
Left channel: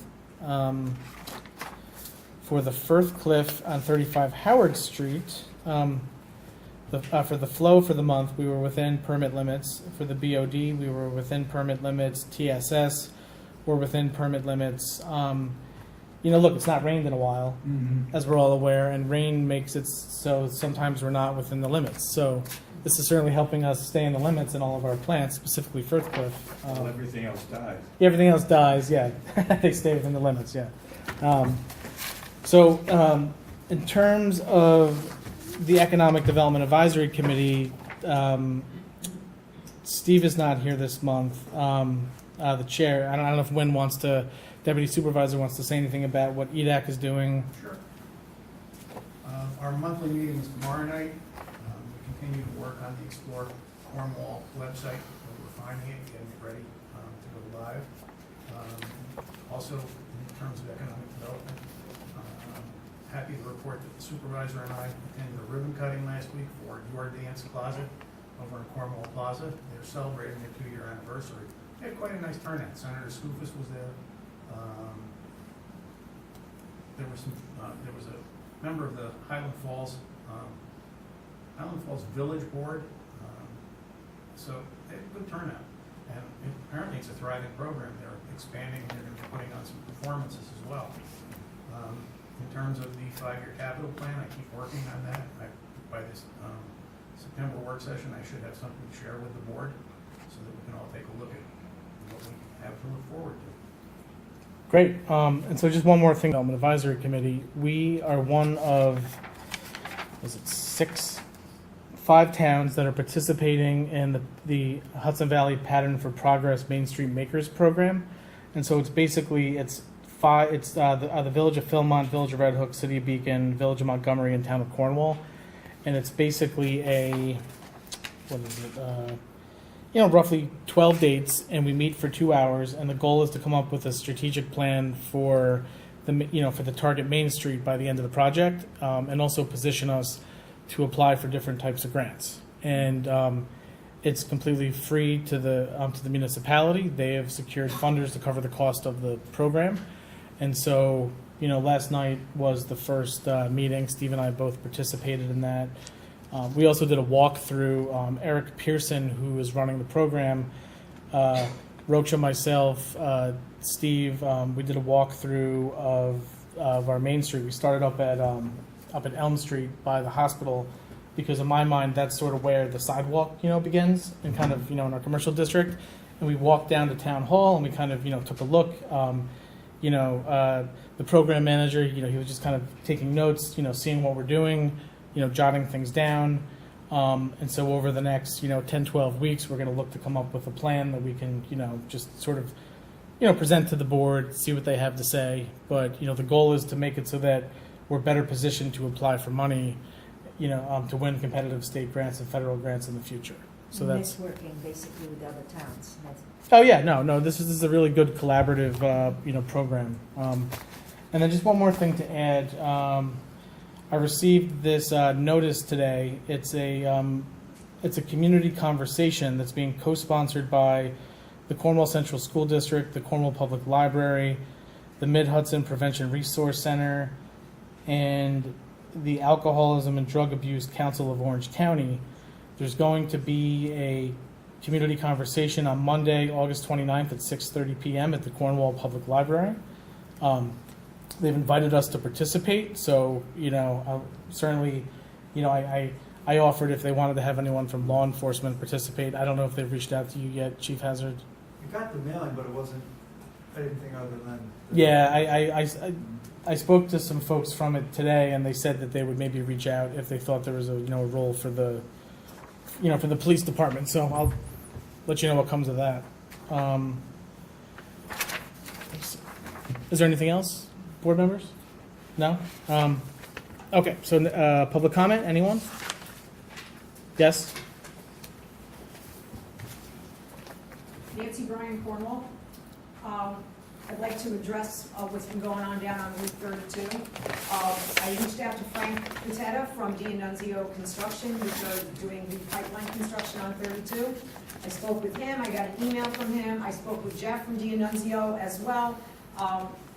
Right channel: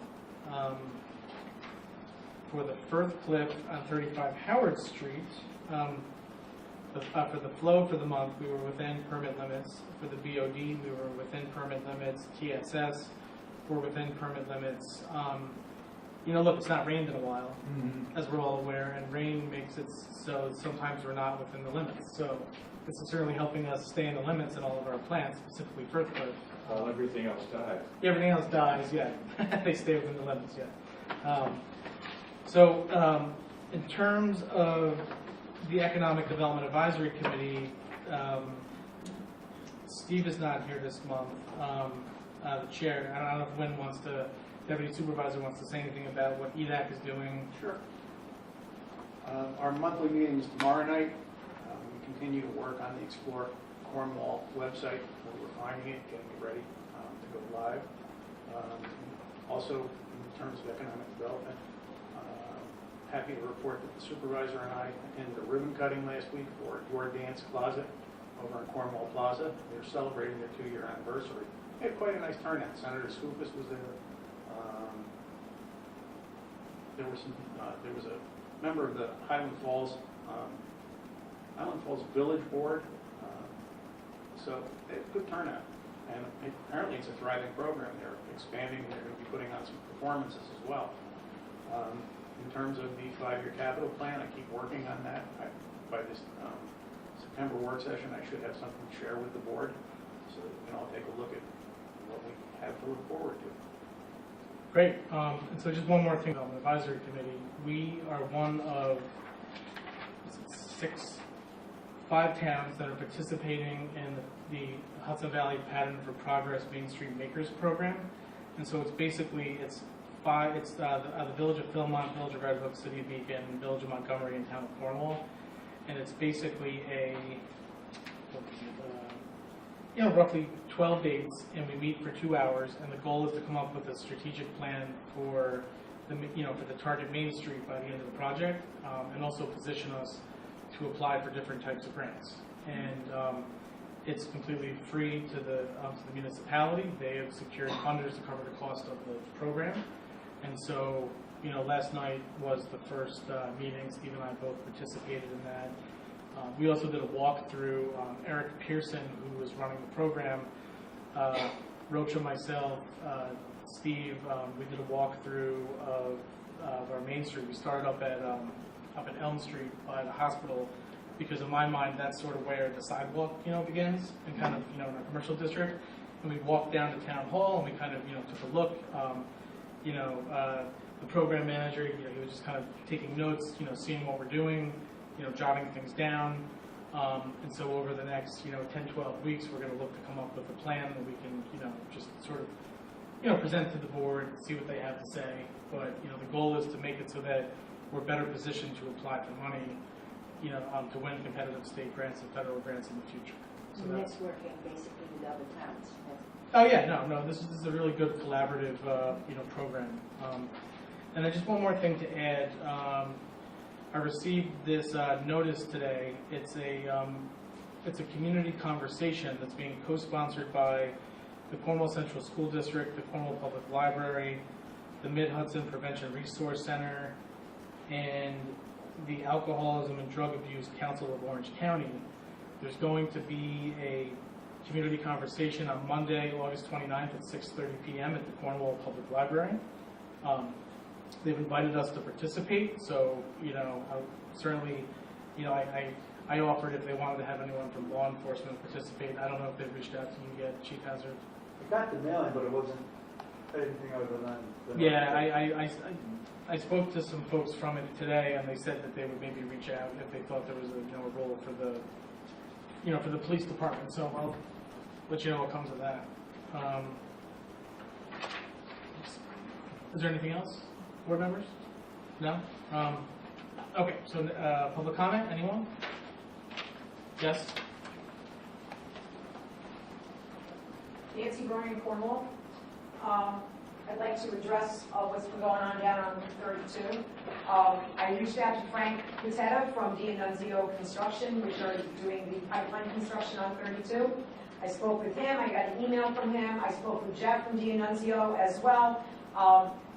For the Firth Cliff on 35 Howard Street, for the flow for the month, we were within permit limits. For the BOD, we were within permit limits. TSS, we're within permit limits. Look, it's not rained in a while, as we're all aware, and rain makes it so sometimes we're not within the limits. So this is certainly helping us stay in the limits in all of our plants, specifically Firth Cliff. Well, everything else dies. Yeah, everything else dies, yeah. They stay within the limits, yeah. In terms of the Economic Development Advisory Committee, Steve is not here this month. The chair, I don't know if Deputy Supervisor wants to say anything about what EDAC is doing. Sure. Our monthly meeting is tomorrow night. We continue to work on the Explore Cornwall website. We're refining it, getting it ready to go live. Also, in terms of economic development, happy to report that the supervisor and I ended a ribbon cutting last week for Your Dance Plaza over in Cornwall Plaza. They're celebrating their 2-year anniversary. They had quite a nice turnout. Senator Skoufis was there. There was a member of the Highland Falls Village Board. So they had good turnout, and apparently it's a thriving program. They're expanding. They're going to be putting on some performances as well. In terms of the 5-year capital plan, I keep working on that. By this September work session, I should have something to share with the board, so that we can all take a look at what we have to look forward to. Great. And so just one more thing, Development Advisory Committee. We are one of, 5 towns that are participating in the Hudson Valley Pattern for Progress Main Street Makers program. And so it's basically, the Village of Philmont, Village of Red Hook, City of Beacon, Village of Montgomery, and Town of Cornwall. And it's basically roughly 12 dates, and we meet for 2 hours, and the goal is to come up with a strategic plan for the target Main Street by the end of the project, and also position us to apply for different types of grants. And it's completely free to the municipality. They have secured funders to cover the cost of the program. And so, last night was the first meeting. Steve and I both participated in that. We also did a walkthrough. Eric Pearson, who is running the program, Rocha, myself, Steve, we did a walkthrough of our Main Street. We started up at Elm Street by the hospital, because in my mind that's sort of where the sidewalk begins, and kind of in our commercial district. And we walked down to Town Hall, and we kind of took a look. The program manager, he was just kind of taking notes, seeing what we're doing, jotting things down. And so over the next, 10, 12 weeks, we're going to look to come up with a plan that we can, just sort of, present to the board, see what they have to say. But, the goal is to make it so that we're better positioned to apply for money, to win competitive state grants and federal grants in the future. So that's Networking basically with other towns. Oh yeah, no. This is a really good collaborative, program. And then just one more thing to add. I received this notice today. It's a community conversation that's being co-sponsored by the Cornwall Central School District, the Cornwall Public Library, the Mid-Hudson Prevention Resource Center, and the Alcoholism and Drug Abuse Council of Orange County. There's going to be a community conversation on Monday, August 29th at 6:30 p.m. at the Cornwall Public Library. They've invited us to participate, so certainly, I offered if they wanted to have anyone from law enforcement participate. I don't know if they've reached out to you yet, Chief Hazard. I got the mailing, but it wasn't anything other than. Yeah, I spoke to some folks from it today, and they said that they would maybe reach out if they thought there was a role for the for the police department. So let you know what comes of that. Is there anything else, board members? No? Okay, so public comment, anyone? Yes? Nancy Bryan, Cornwall. I'd like to address what's been going on down on Route 32. I reached out to Frank Cutetta from D'Annunzio Construction, who's doing the pipeline construction on 32. I spoke with him, I got an email from him, I spoke with Jeff from D'Annunzio as well.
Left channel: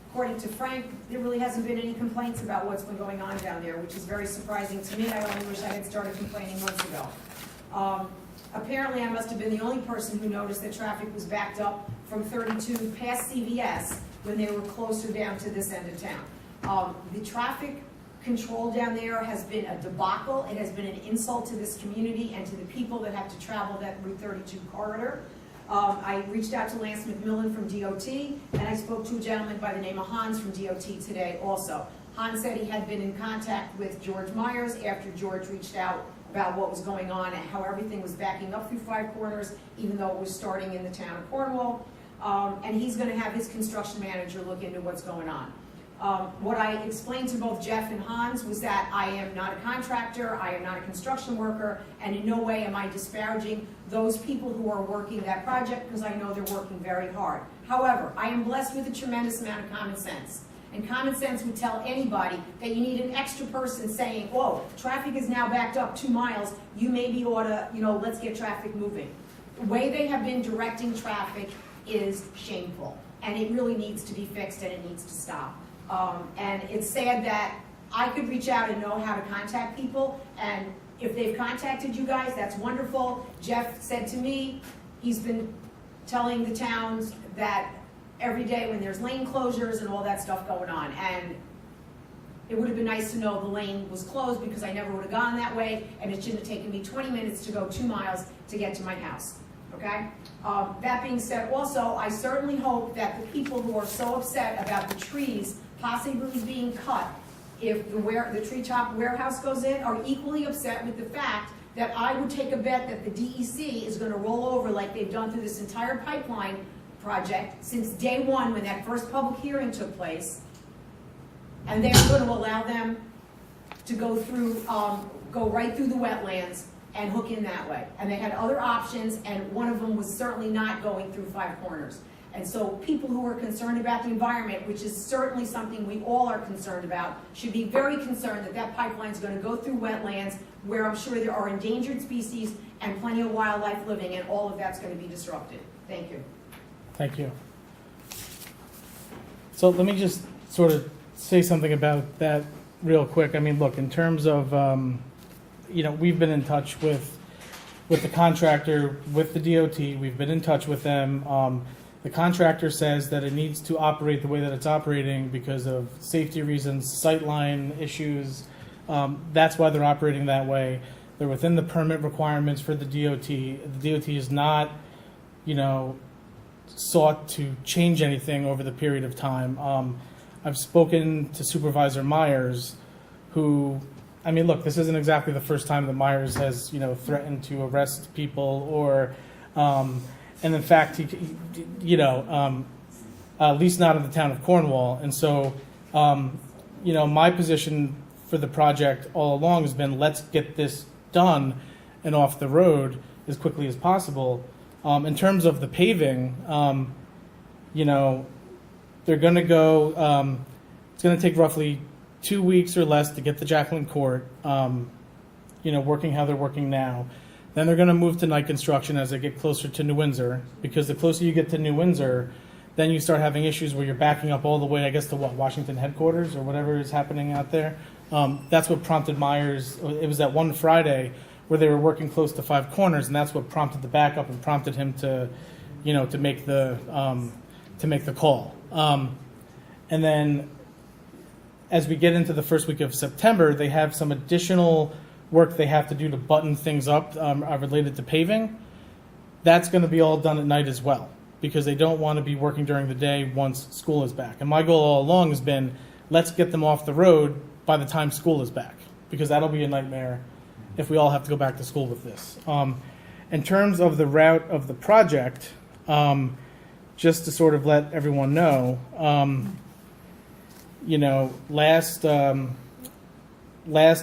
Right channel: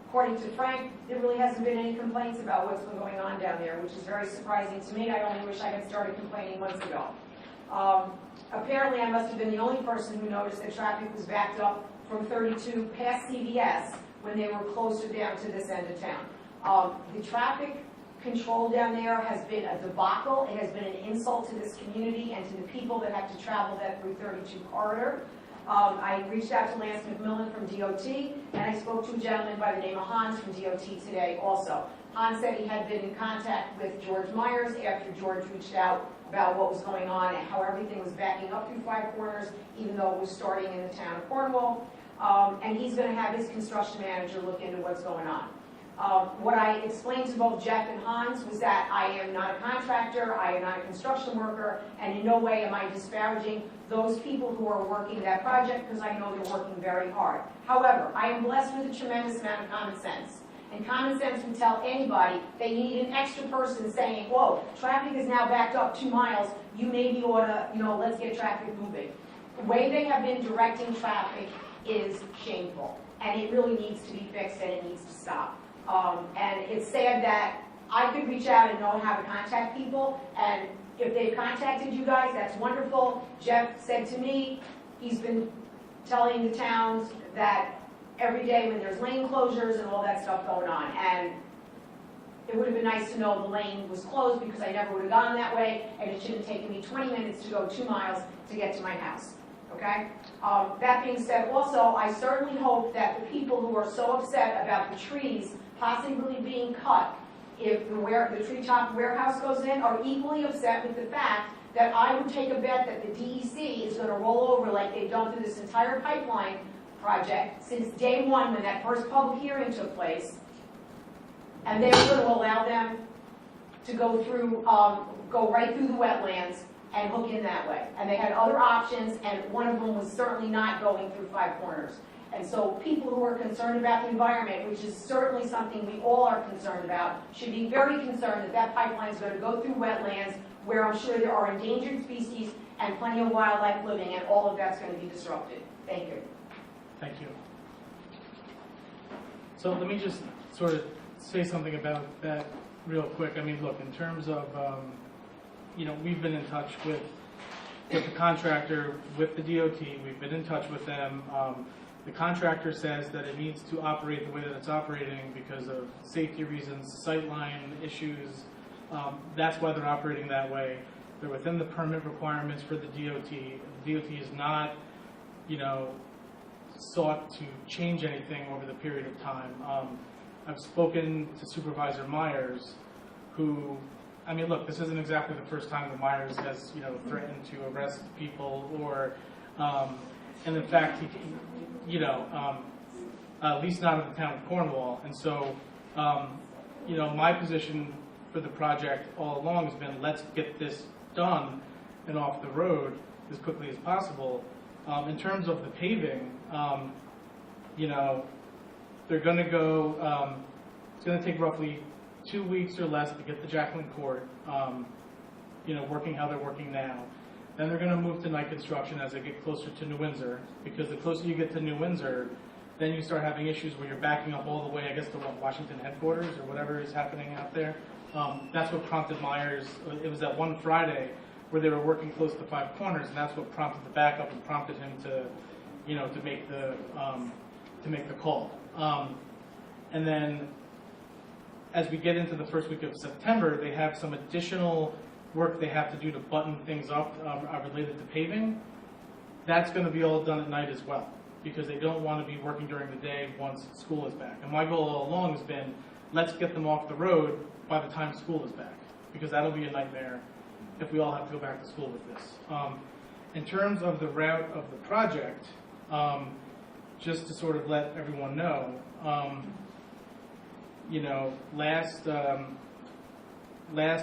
According to Frank, there really hasn't been any complaints about what's been going on down there, which is very surprising to me. I only wish I had started complaining months ago. Apparently, I must have been the only person who noticed that traffic was backed up from 32 past CVS when they were closer down to this end of town. The traffic control down there has been a debacle. It has been an insult to this community and to the people that have to travel that Route 32 corridor. I reached out to Lance McMillan from DOT, and I spoke to a gentleman by the name of Hans from DOT today also. Hans said he had been in contact with George Myers after George reached out about what was going on and how everything was backing up through Five Corners, even though it was starting in the town of Cornwall. And he's going to have his construction manager look into what's going on. What I explained to both Jeff and Hans was that I am not a contractor, I am not a construction worker, and in no way am I disparaging those people who are working that project, because I know they're working very hard. However, I am blessed with a tremendous amount of common sense. And common sense would tell anybody that you need an extra person saying, whoa, traffic is now backed up 2 miles, you maybe ought to, let's get traffic moving. The way they have been directing traffic is shameful, and it really needs to be fixed, and it needs to stop. And it's sad that I could reach out and know how to contact people, and if they've contacted you guys, that's wonderful. Jeff said to me, he's been telling the towns that every day when there's lane closures and all that stuff going on, and it would have been nice to know the lane was closed because I never would have gone that way, and it shouldn't have taken me 20 minutes to go 2 miles to get to my house, okay? That being said, also, I certainly hope that the people who are so upset about the trees possibly being cut if the treetop warehouse goes in are equally upset with the fact that I would take a bet that the DEC is going to roll over like they've done through this entire pipeline project since day one when that first public hearing took place, and they're going to allow them to go through, go right through the wetlands and hook in that way. And they had other options, and one of them was certainly not going through Five Corners. And so people who are concerned about the environment, which is certainly something we all are concerned about, should be very concerned that that pipeline is going to go through wetlands where I'm sure there are endangered species and plenty of wildlife living, and all of that's going to be disrupted. Thank you. Thank you. So let me just sort of say something about that real quick. I mean, look, in terms of, we've been in touch with the contractor, with the DOT. We've been in touch with them. The contractor says that it needs to operate the way that it's operating because of safety reasons, sightline issues. That's why they're operating that way. They're within the permit requirements for the DOT. The DOT is not, sought to change anything over the period of time. I've spoken to Supervisor Myers, who, look, this isn't exactly the first time that Myers has, threatened to arrest people or, and in fact, at least not in the town of Cornwall. And so, my position for the project all along has been, let's get this done and off the road as quickly as possible. In terms of the paving, they're going to go, it's going to take roughly 2 weeks or less to get the Jacqueline Court, working how they're working now. Then they're going to move to night construction as they get closer to New Windsor, because the closer you get to New Windsor, then you start having issues where you're backing up all the way, I guess, to Washington headquarters or whatever is happening out there. That's what prompted Myers. It was that one Friday where they were working close to Five Corners, and that's what prompted the backup and prompted him to, to make the call. And then, as we get into the first week of September, they have some additional work they have to do to button things up related to paving. That's going to be all done at night as well, because they don't want to be working during the day once school is back. And my goal all along has been, let's get them off the road by the time school is back, because that'll be a nightmare if we all have to go back to school with this. in terms of the route of the project, just to sort of let everyone know, you know, last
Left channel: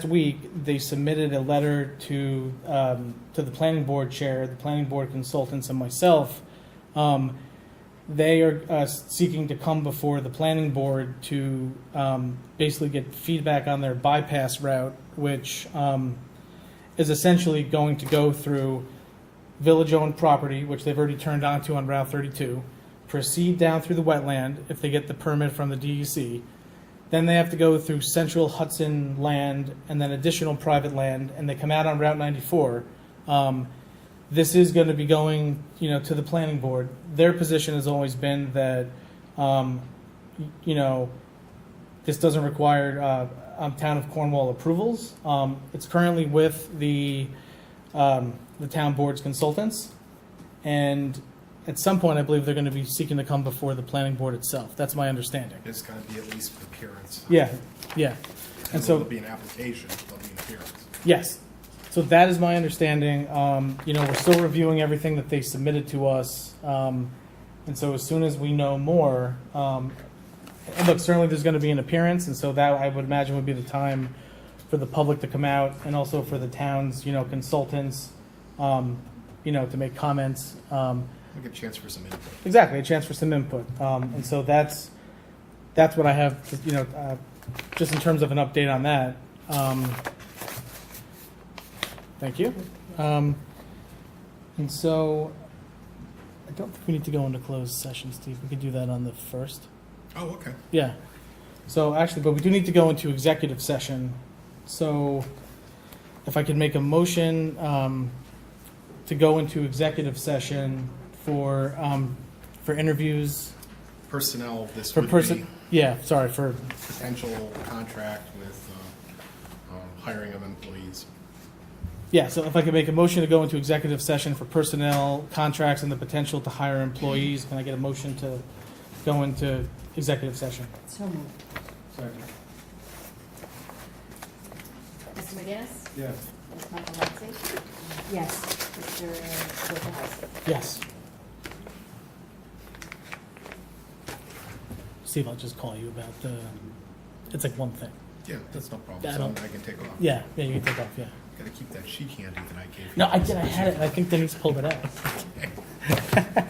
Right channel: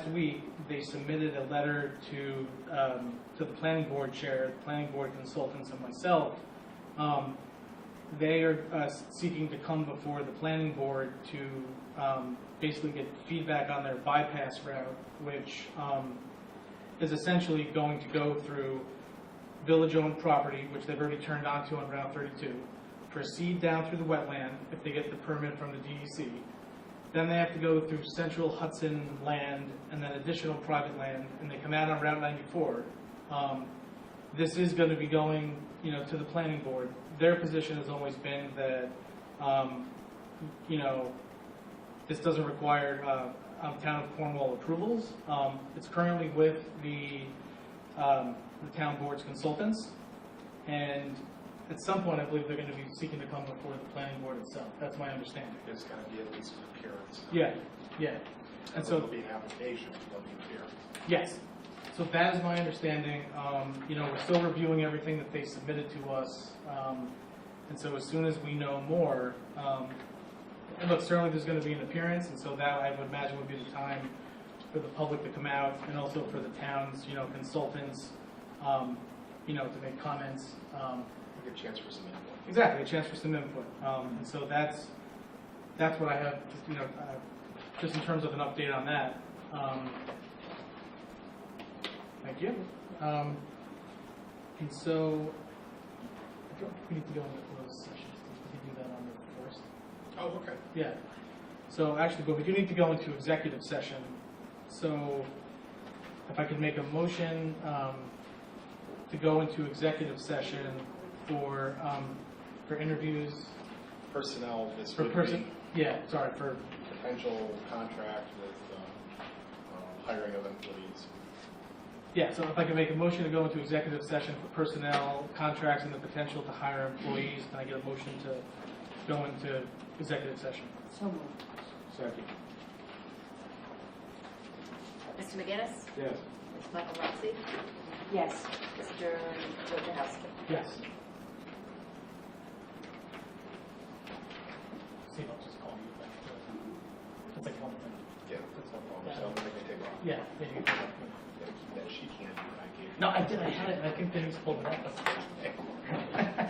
week they submitted a letter to the planning board chair, the planning board consultants, and myself. They are seeking to come before the planning board to basically get feedback on their bypass route, which is essentially going to go through village-owned property, which they've already turned onto on Route 32, proceed down through the wetland if they get the permit from the DEC. Then they have to go through central Hudson land and then additional private land, and they come out on Route 94. This is going to be going, you know, to the planning board. Their position has always been that, you know, this doesn't require town of Cornwall approvals. It's currently with the town board's consultants, and at some point, I believe they're going to be seeking to come before the planning board itself. That's my understanding. There's got to be at least an appearance. Yeah, yeah. And so, There'll be an application, there'll be an appearance. yes. So that is my understanding. You know, we're still reviewing everything that they submitted to us. And so as soon as we know more, and look, certainly there's going to be an appearance, and so that I would imagine would be the time for the public to come out, and also for the town's, you know, consultants, you know, to make comments. We get a chance for some input. Exactly, a chance for some input. And so that's what I have, you know, just in terms of an update on that. Thank you. And so I don't think we need to go into closed session, Steve. We could do that on the 1st. Oh, okay. Yeah. So actually, but we do need to go into executive session. So if I could make a motion to go into executive session for interviews. Personnel, this For would person, yeah, sorry, for, be potential contract with hiring of employees. yeah, so if I could make a motion to go into executive session for personnel, contracts, and the potential to hire employees, can I get a motion to go into executive session? So moved. Second. Mr. McGinnis? Yes. Ms. Michaelozzi? Yes. Mr. Wojciechowski? Yes. Steve, I'll just call you about the, it's like one thing. Yeah, that's no problem. I So don't- I can take off. Yeah, you can take off, yeah. Gotta keep that sheet handy that I gave you. No, I did, I had it, I think Denise pulled it out.